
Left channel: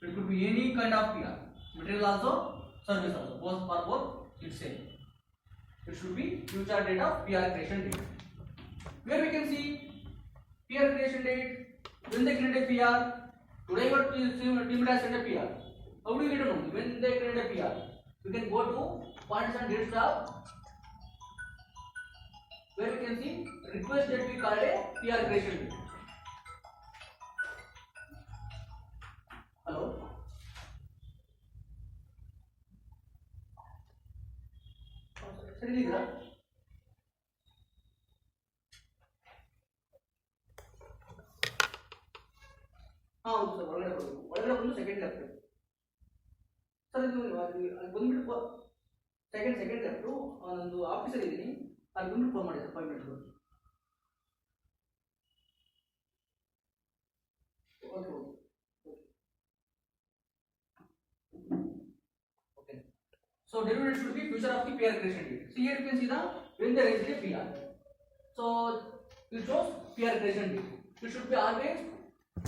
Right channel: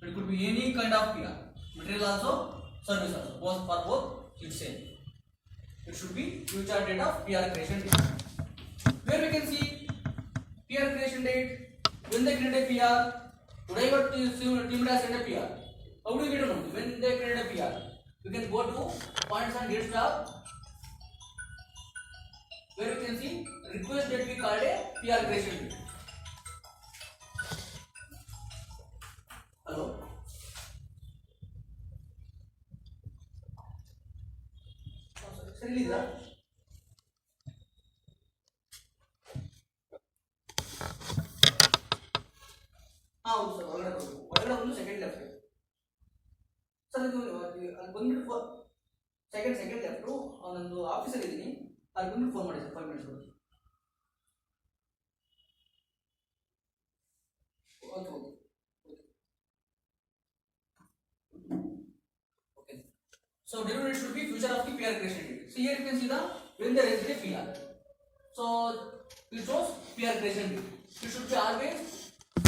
It could be any kind of PR. Material also, service also. Both for both It's same. It should be future date of PR creation date. Where we can see PR creation date when they create a PR. Today what team has sent a PR. How do you get to know when they create a PR? We can go to points and dates tab where we can see request date we called a PR creation date. Hello. ಸರಿ ಇದಾ ಹೌದು sir ಒಳಗಡೆ ಒಂದು second left sir ಇದು ಅದು ಬಂದ್ಬಿಟ್ಟು second left ನಂದು ಆಫೀಸಲ್ಲಿ ಇದ್ದೀನಿ ಅಲ್ಲಿ ಬಂದ್ಬಿಟ್ಟು ಫೋನ್ ಮಾಡಿ sir 5 minutes okay okay. So derivative should be future of the PR creation date. See here you can see the when there is a PR. So it shows PR creation date. It should be always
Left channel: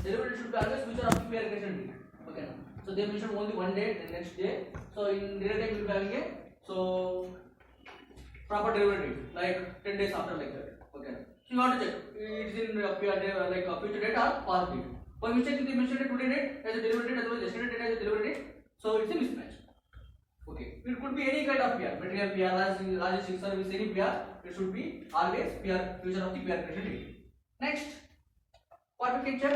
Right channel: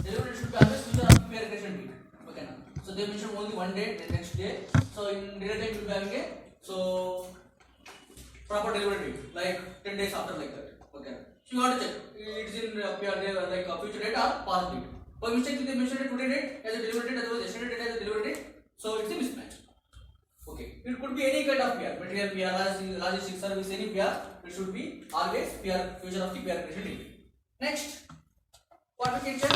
derivative should be always future of the PR creation date. Okay now. So they mentioned only one day, the next day. So in derivative we will be having a so proper derivative like 10 days after like that. Okay. So you want to check it is in PR day like a future date or past date. For mistake they mentioned a today date as a delivery date as well as yesterday date as a delivery date. So it's a mismatch. Okay, it could be any kind of PR, material PR, logistics service, any PR. It should be always PR, future of the PR creation date. Next, what we can check?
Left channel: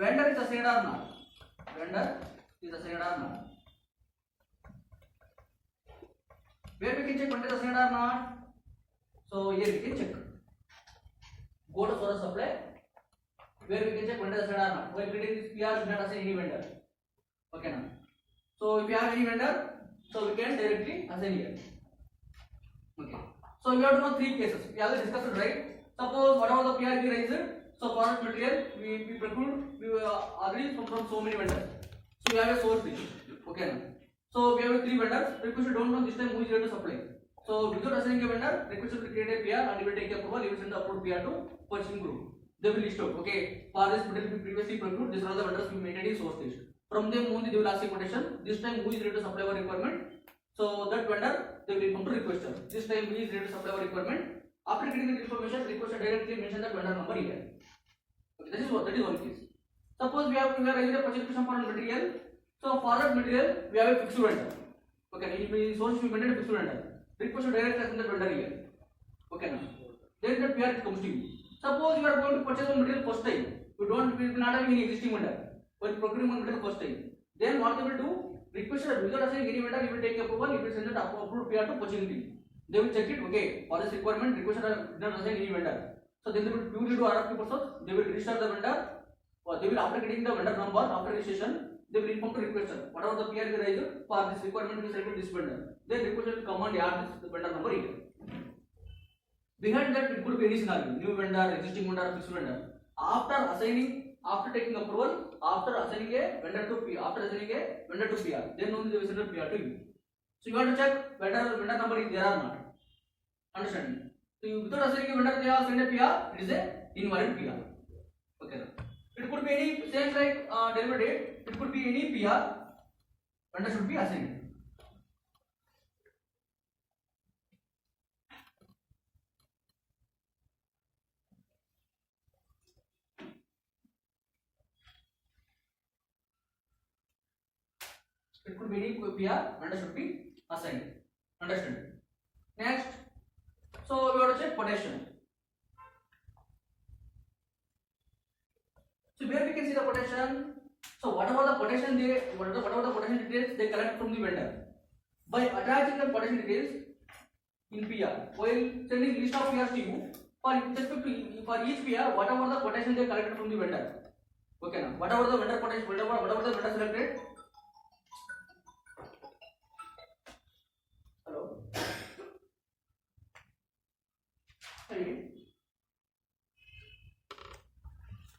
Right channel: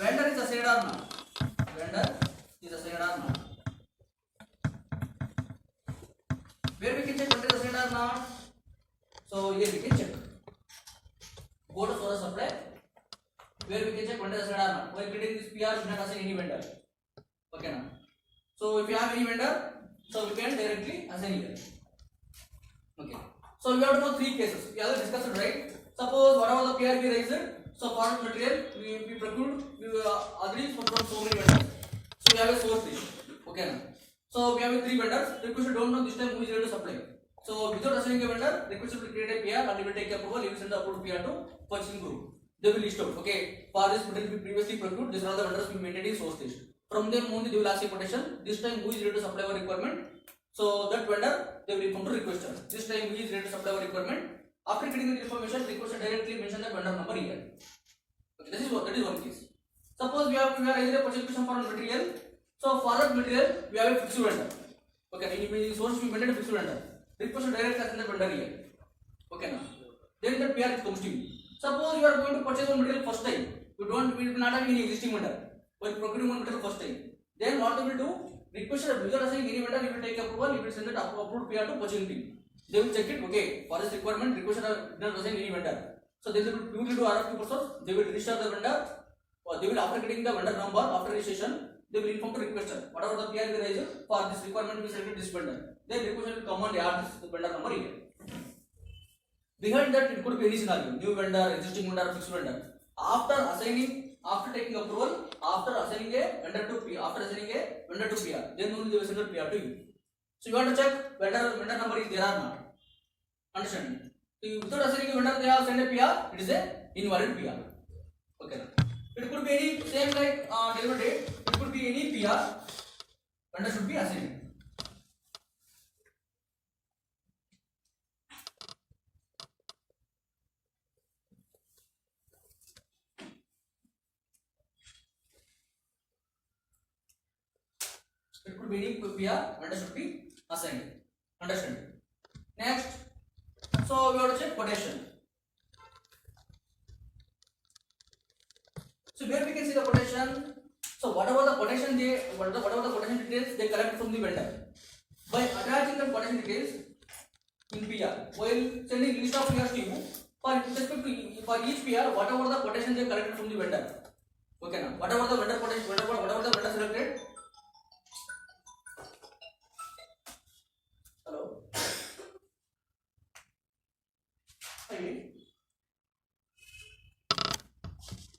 Vendor is assigned or not? Vendor is assigned or not? Where we can check vendor is assigned or not? So here we can check. Go to source supply. Where we can check vendor is assigned or not? While getting this PR, we not assign any vendor. Okay now. So if you have any vendor, so we can directly assign here. Okay. So we have to know 3 cases. We have discussed it, right? Suppose whatever the PR we raised, so product material we procured we already from so many vendors. So we have a source list. Okay. So we have 3 vendors. Request don't know this time who is ready to supply. So without assigning a vendor, request will create a PR and we will take approval. You will send the approved PR to purchasing group. They will list out. Okay. For this material we previously procured, these are the vendors we maintained in source list. From them only they will ask a quotation. This time who is ready to supply our requirement? So that vendor they will come to requester. This time who is ready to supply our requirement? After getting the information, requester directly mention the vendor number here. Okay, that is one case. Suppose we are raising a purchase requisition for a material. So for that material we have a fixed vendor. Okay, in source we maintain a fixed vendor. Requester directly assign the vendor here. Okay now. Then the PR comes to you. Suppose you are going to purchase one material first time. We will not have any existing vendor. While procuring one material first time, then what they will do? Requester without assigning any vendor, you will take approval. You will send the approved PR to purchasing team. They will check it. Okay, for this requirement, requester did not assign any vendor. So they will purely do RFQ process. They will register the vendor. Or they will after getting the vendor number after registration, they will inform to requester whatever the PR we raise for this requirement we send to this vendor. Then requester will come and add this vendor number here. Behind that, it could be any scenario: new vendor, existing vendor, fixed vendor. After taking approval, after assigning a vendor to PR, then only they will send the PR to you. So you want to check whether the vendor number is there or not. Understand? So without assigning a vendor, they have sent a PR. It is a invalid PR. Okay. It could be any same like delivery date. It could be any PR. Vendor should be assigned. It could be any PR, vendor should be assigned. Understand? Next, so we have to check quotation. So where we can see the quotation. So whatever the quotation details they collect from the vendor. By attaching the quotation details in PR, while sending list of PRs to you, for each PR, whatever the quotation they collected from the vendor. Okay now, whatever the vendor quotation, whatever the vendor selected.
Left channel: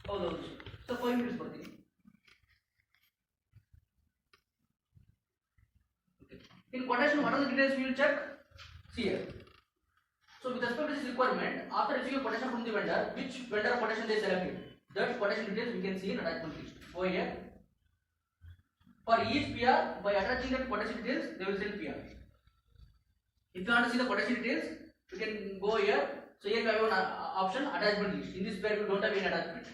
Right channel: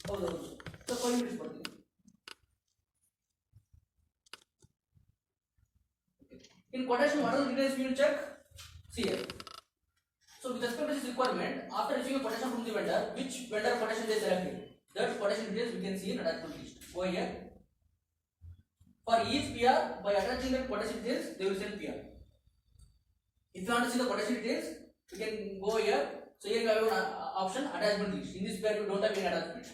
ಹೌದು so 5 minutes ಬರ್ತೀನಿ. In quotation, what are the details we will check? See here. So with respect to this requirement, after receiving a quotation from the vendor, which vendor quotation they selected, that quotation details we can see in attachment list. Go here. For each PR, by attaching that quotation details, they will send PR. If you want to see the quotation details, you can go here. So here you have one option attachment list. In this pair you don't have any attachment.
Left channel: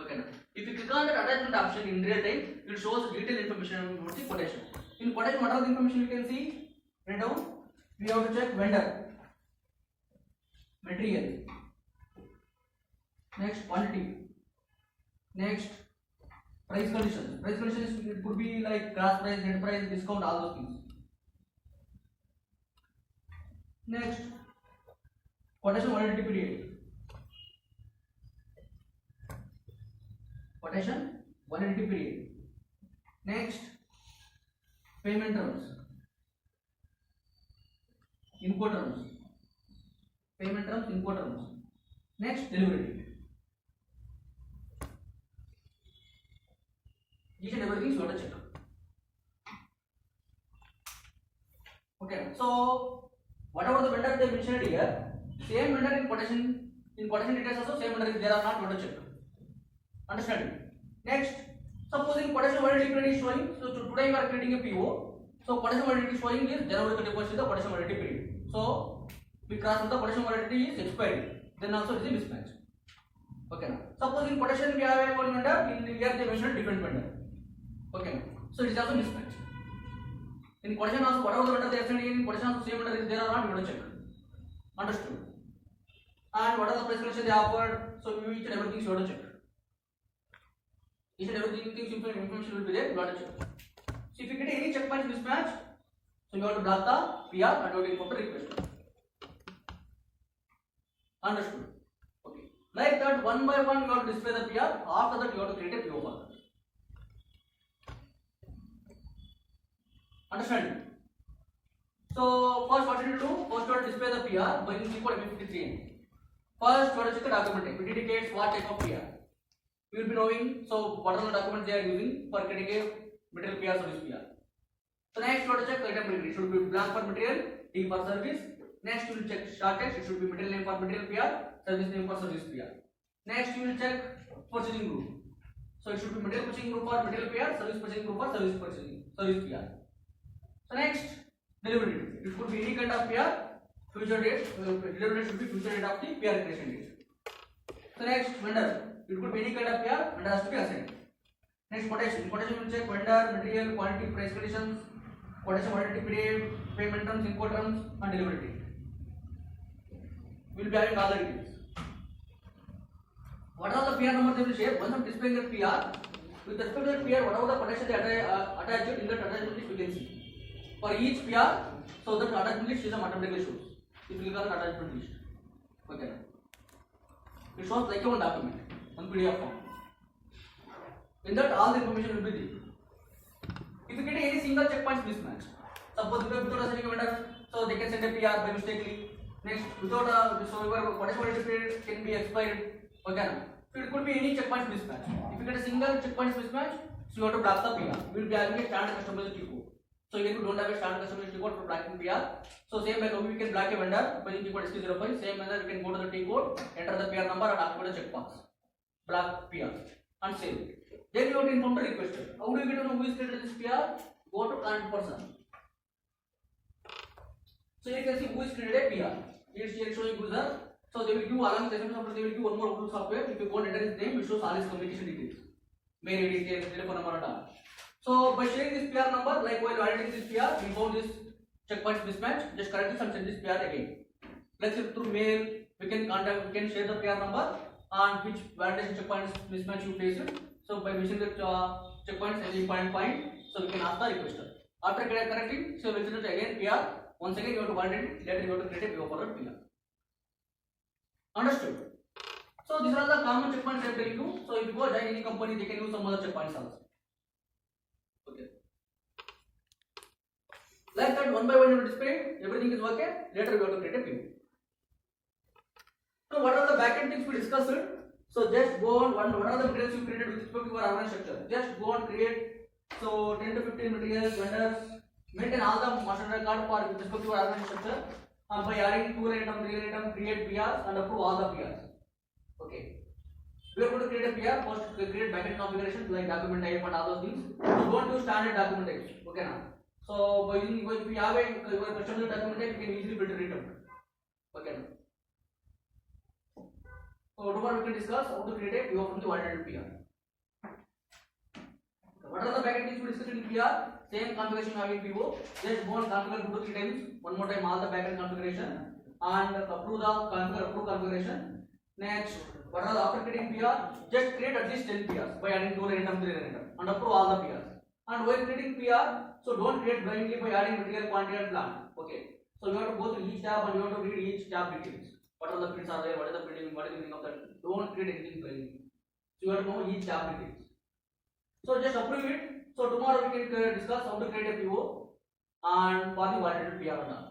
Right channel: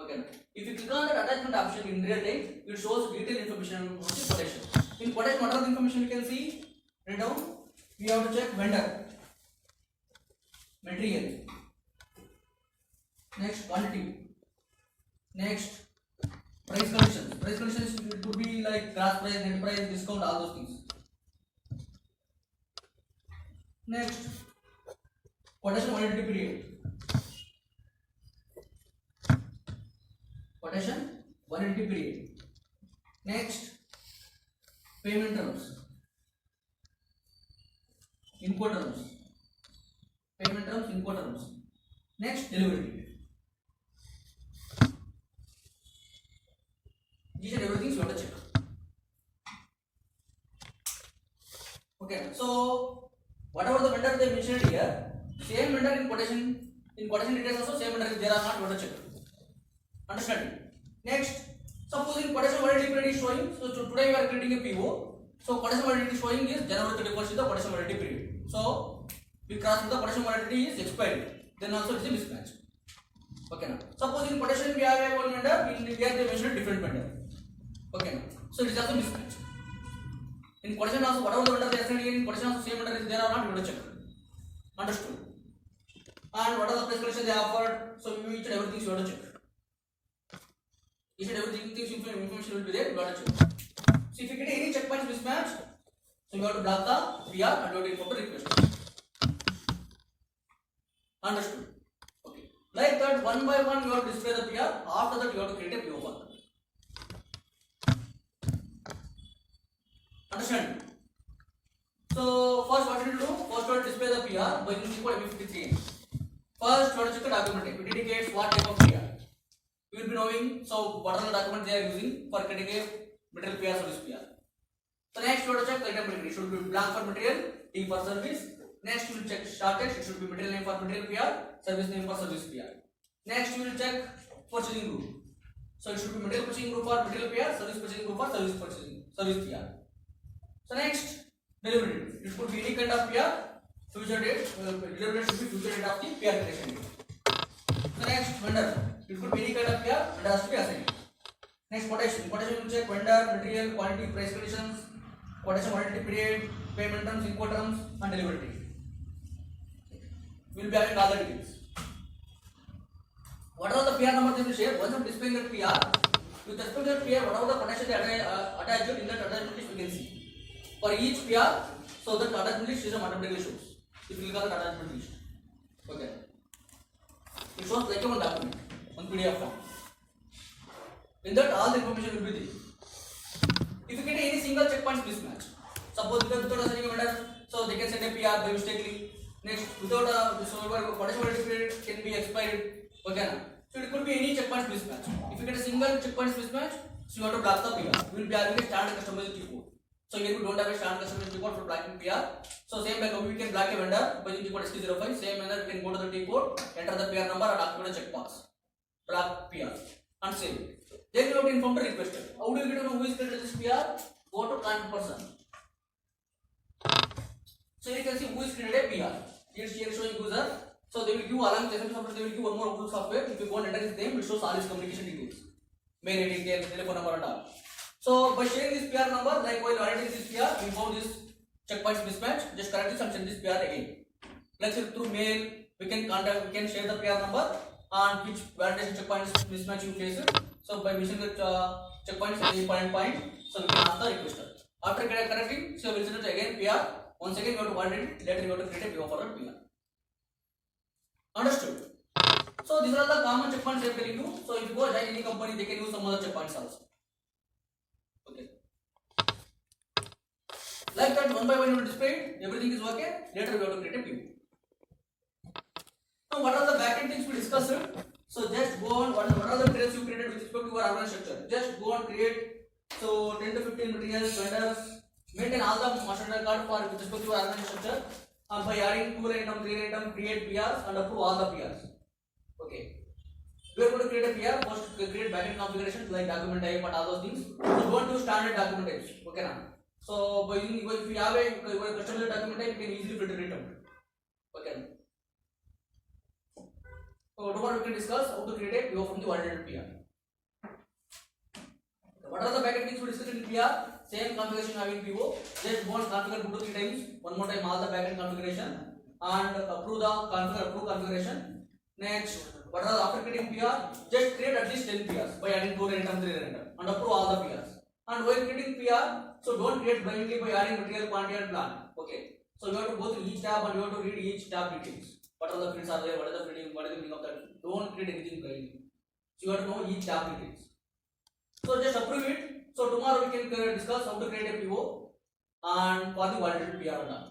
Okay. If you click on that attachment option in real time, it shows detailed information about the quotation. In quotation, what are the information we can see? Write down. We have to check vendor, material, next quantity, next price conditions. Price conditions it could be like gross price, net price, discount, all those things. Next, quotation validity period. Quotation validity period. Next, payment terms, input terms, payment terms, input terms. Next, delivery date. These and everything you have to check. Okay, so whatever the vendor they mentioned here, same vendor in quotation details also same vendor is there or not you have to check. Understand? Next, suppose in quotation validity period is showing, so today we are creating a PO. So quotation validity showing is January 31st is the quotation validity period. So we cross the quotation validity is expired. Then also it is a mismatch. Okay now. Suppose in quotation we have a one vendor, in here they mentioned different vendor. Okay. So it is also mismatch. In quotation also whatever the vendor they are sending in quotation also same vendor is there or not you have to check. Understood? And what are the price conditions they offered? So each and everything you have to check. Each and everything information will be there. You have to check. So if you get any checkpoints mismatch, so you have to block the PR and you have to inform the request. Understood? Okay. Like that, one by one you have to display the PR. After that, you have to create a PO file. Understand? So first, what you need to do? First, you have to display the PR by using code MF53. First, you have to check the document type. It indicates what type of PR. You will be knowing. So what are the documents they are using for creating a material PR service PR. So next, you have to check the item material. It should be blank for material, T for service. Next, you will check start text. It should be material name for material PR, service name for service PR. Next, you will check purchasing group. So it should be material purchasing group for material PR, service purchasing group for service PR. So next, delivery date. It could be any kind of PR. Future date. Delivery date should be future date of the PR creation date. So next, vendor. It could be any kind of PR. It has to be assigned. Next, quotation. Quotation will check vendor, material, quantity, price conditions, quotation validity period, payment terms, input terms, and delivery date. We will be having all the details. What are the PR numbers they will share? Once I'm displaying that PR, with respect to that PR, whatever the quotation they attach in that attachment list, we can see. For each PR, so that attachment list is automatically shows. If you click on the attachment list, okay. It shows like a one document, one PDF form. In that, all the information will be there. If you get any single checkpoints mismatch, suppose without sending a vendor, so they can send a PR by mistakenly. Next, without so quotation validity period can be expired. Okay, so it could be any checkpoints mismatch. If you get a single checkpoints mismatch, so you have to block the PR. You will be having a standard customized code. So here we don't have a standard customized code for blocking PR. So same like we can block a vendor by using code ST05. Same manner we can go to the T code, enter the PR number and activate the checkbox. Block PR and save it. Then you have to inform the requester. How do you get to know who is created this PR? Go to current person. So you can see who is created a PR. Here showing user. So they will give along with software, they will give one more Outlook software. If you go and enter his name, it shows all his communication details. Mail ID, details, telephone number and all. So by sharing this PR number, like while validating this PR, inform this checkpoints mismatch, just correct this and send this PR again. Like through mail, we can contact, we can share the PR number and which validation checkpoints mismatch you face it. So by using the checkpoints at any point, so we can ask the requester. After correcting, so we will send it again PR. Once again, you have to validate it. Later, you have to create a PO forward PR. Understood? So these are the common checkpoints I am telling you. So if you go join any company, they can use some other checkpoints also. Okay. Like that, one by one you will display. Everything is okay. Later, you have to create a PO. So what are the backend things we discussed? So just go on. What are the materials you created with respect to your organization structure? Just go and create. So 10 to 15 materials, vendors. Maintain all the master record for with respect to your organization structure. By adding 2 item, 3 item, create PRs and approve all the PRs. Okay. We are going to create a PR. First, create backend configurations like document type and all those things. So don't use standard document types. Okay now. So if you have a customized document type, you can easily filter it out. Okay. So tomorrow we can discuss how to create a PO from the validated PR. What are the packet things we discussed in PR? Same configuration having PO. Just go and configure 2 to 3 times. One more time all the packet configuration and approve the configuration. Next, what are the after creating PR? Just create at least 10 PRs by adding 2 random, 3 random, and approve all the PRs. And while creating PR, so don't create blindly by adding material, quantity, and plan. Okay. So you have to go through each tab and you have to read each tab details. What are the fields are there? What is the fielding? What is the meaning of that? Don't create anything blindly. So you have to know each tab details. So just approve it. So tomorrow we can discuss how to create a PO and for the validated PR and all.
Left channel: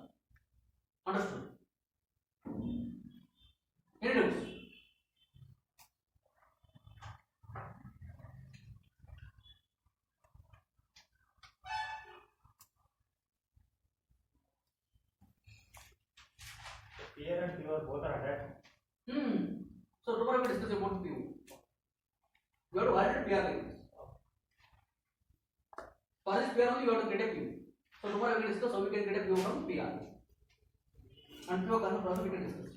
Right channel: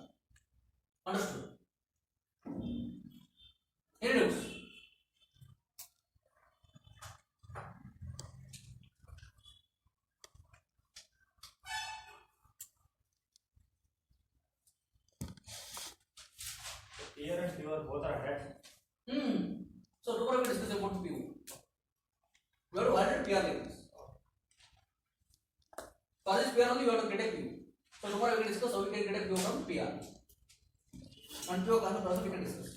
Understood? Any doubts? PR and PR both are attached. So tomorrow we will discuss about PO. We have to validate PR like this. For this PR only you have to create a PO. So tomorrow we will discuss how we can create a PO from PR. And PO concept also we can discuss.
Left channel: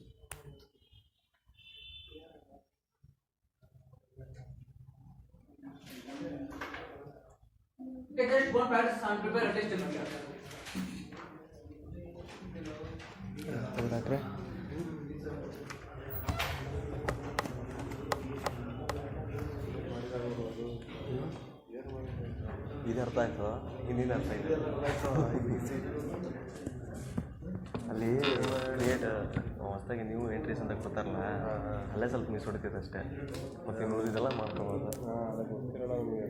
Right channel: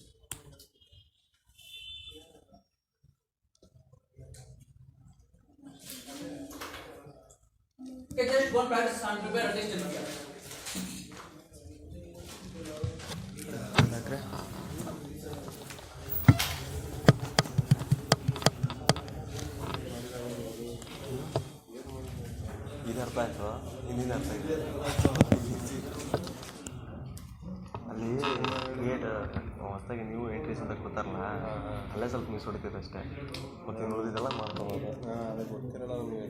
Okay, just go and practice and prepare a test in PR. ಇದು ಅರ್ಥ ಆಯ್ತು ಹಿಂದಿನ ಅರ್ಥ ಇದೆ ಅಲ್ಲಿ create ಹೊಸದಾಗಿ ನೀವು entries ಅಂತ ಕೊಡ್ತಾರಲ್ಲ ಅಲ್ಲೇ ಸ್ವಲ್ಪ ಮಿಸ್ ಹೊಡಿತೀರ ಅಷ್ಟೇ ಮತ್ತು ಉಳಿದಿದ್ದೆಲ್ಲ ಮಾಡ್ಕೊಬೋದು ಅದಕ್ಕೆ ಗೊತ್ತಿರಲ್ಲ ನಮಗೆ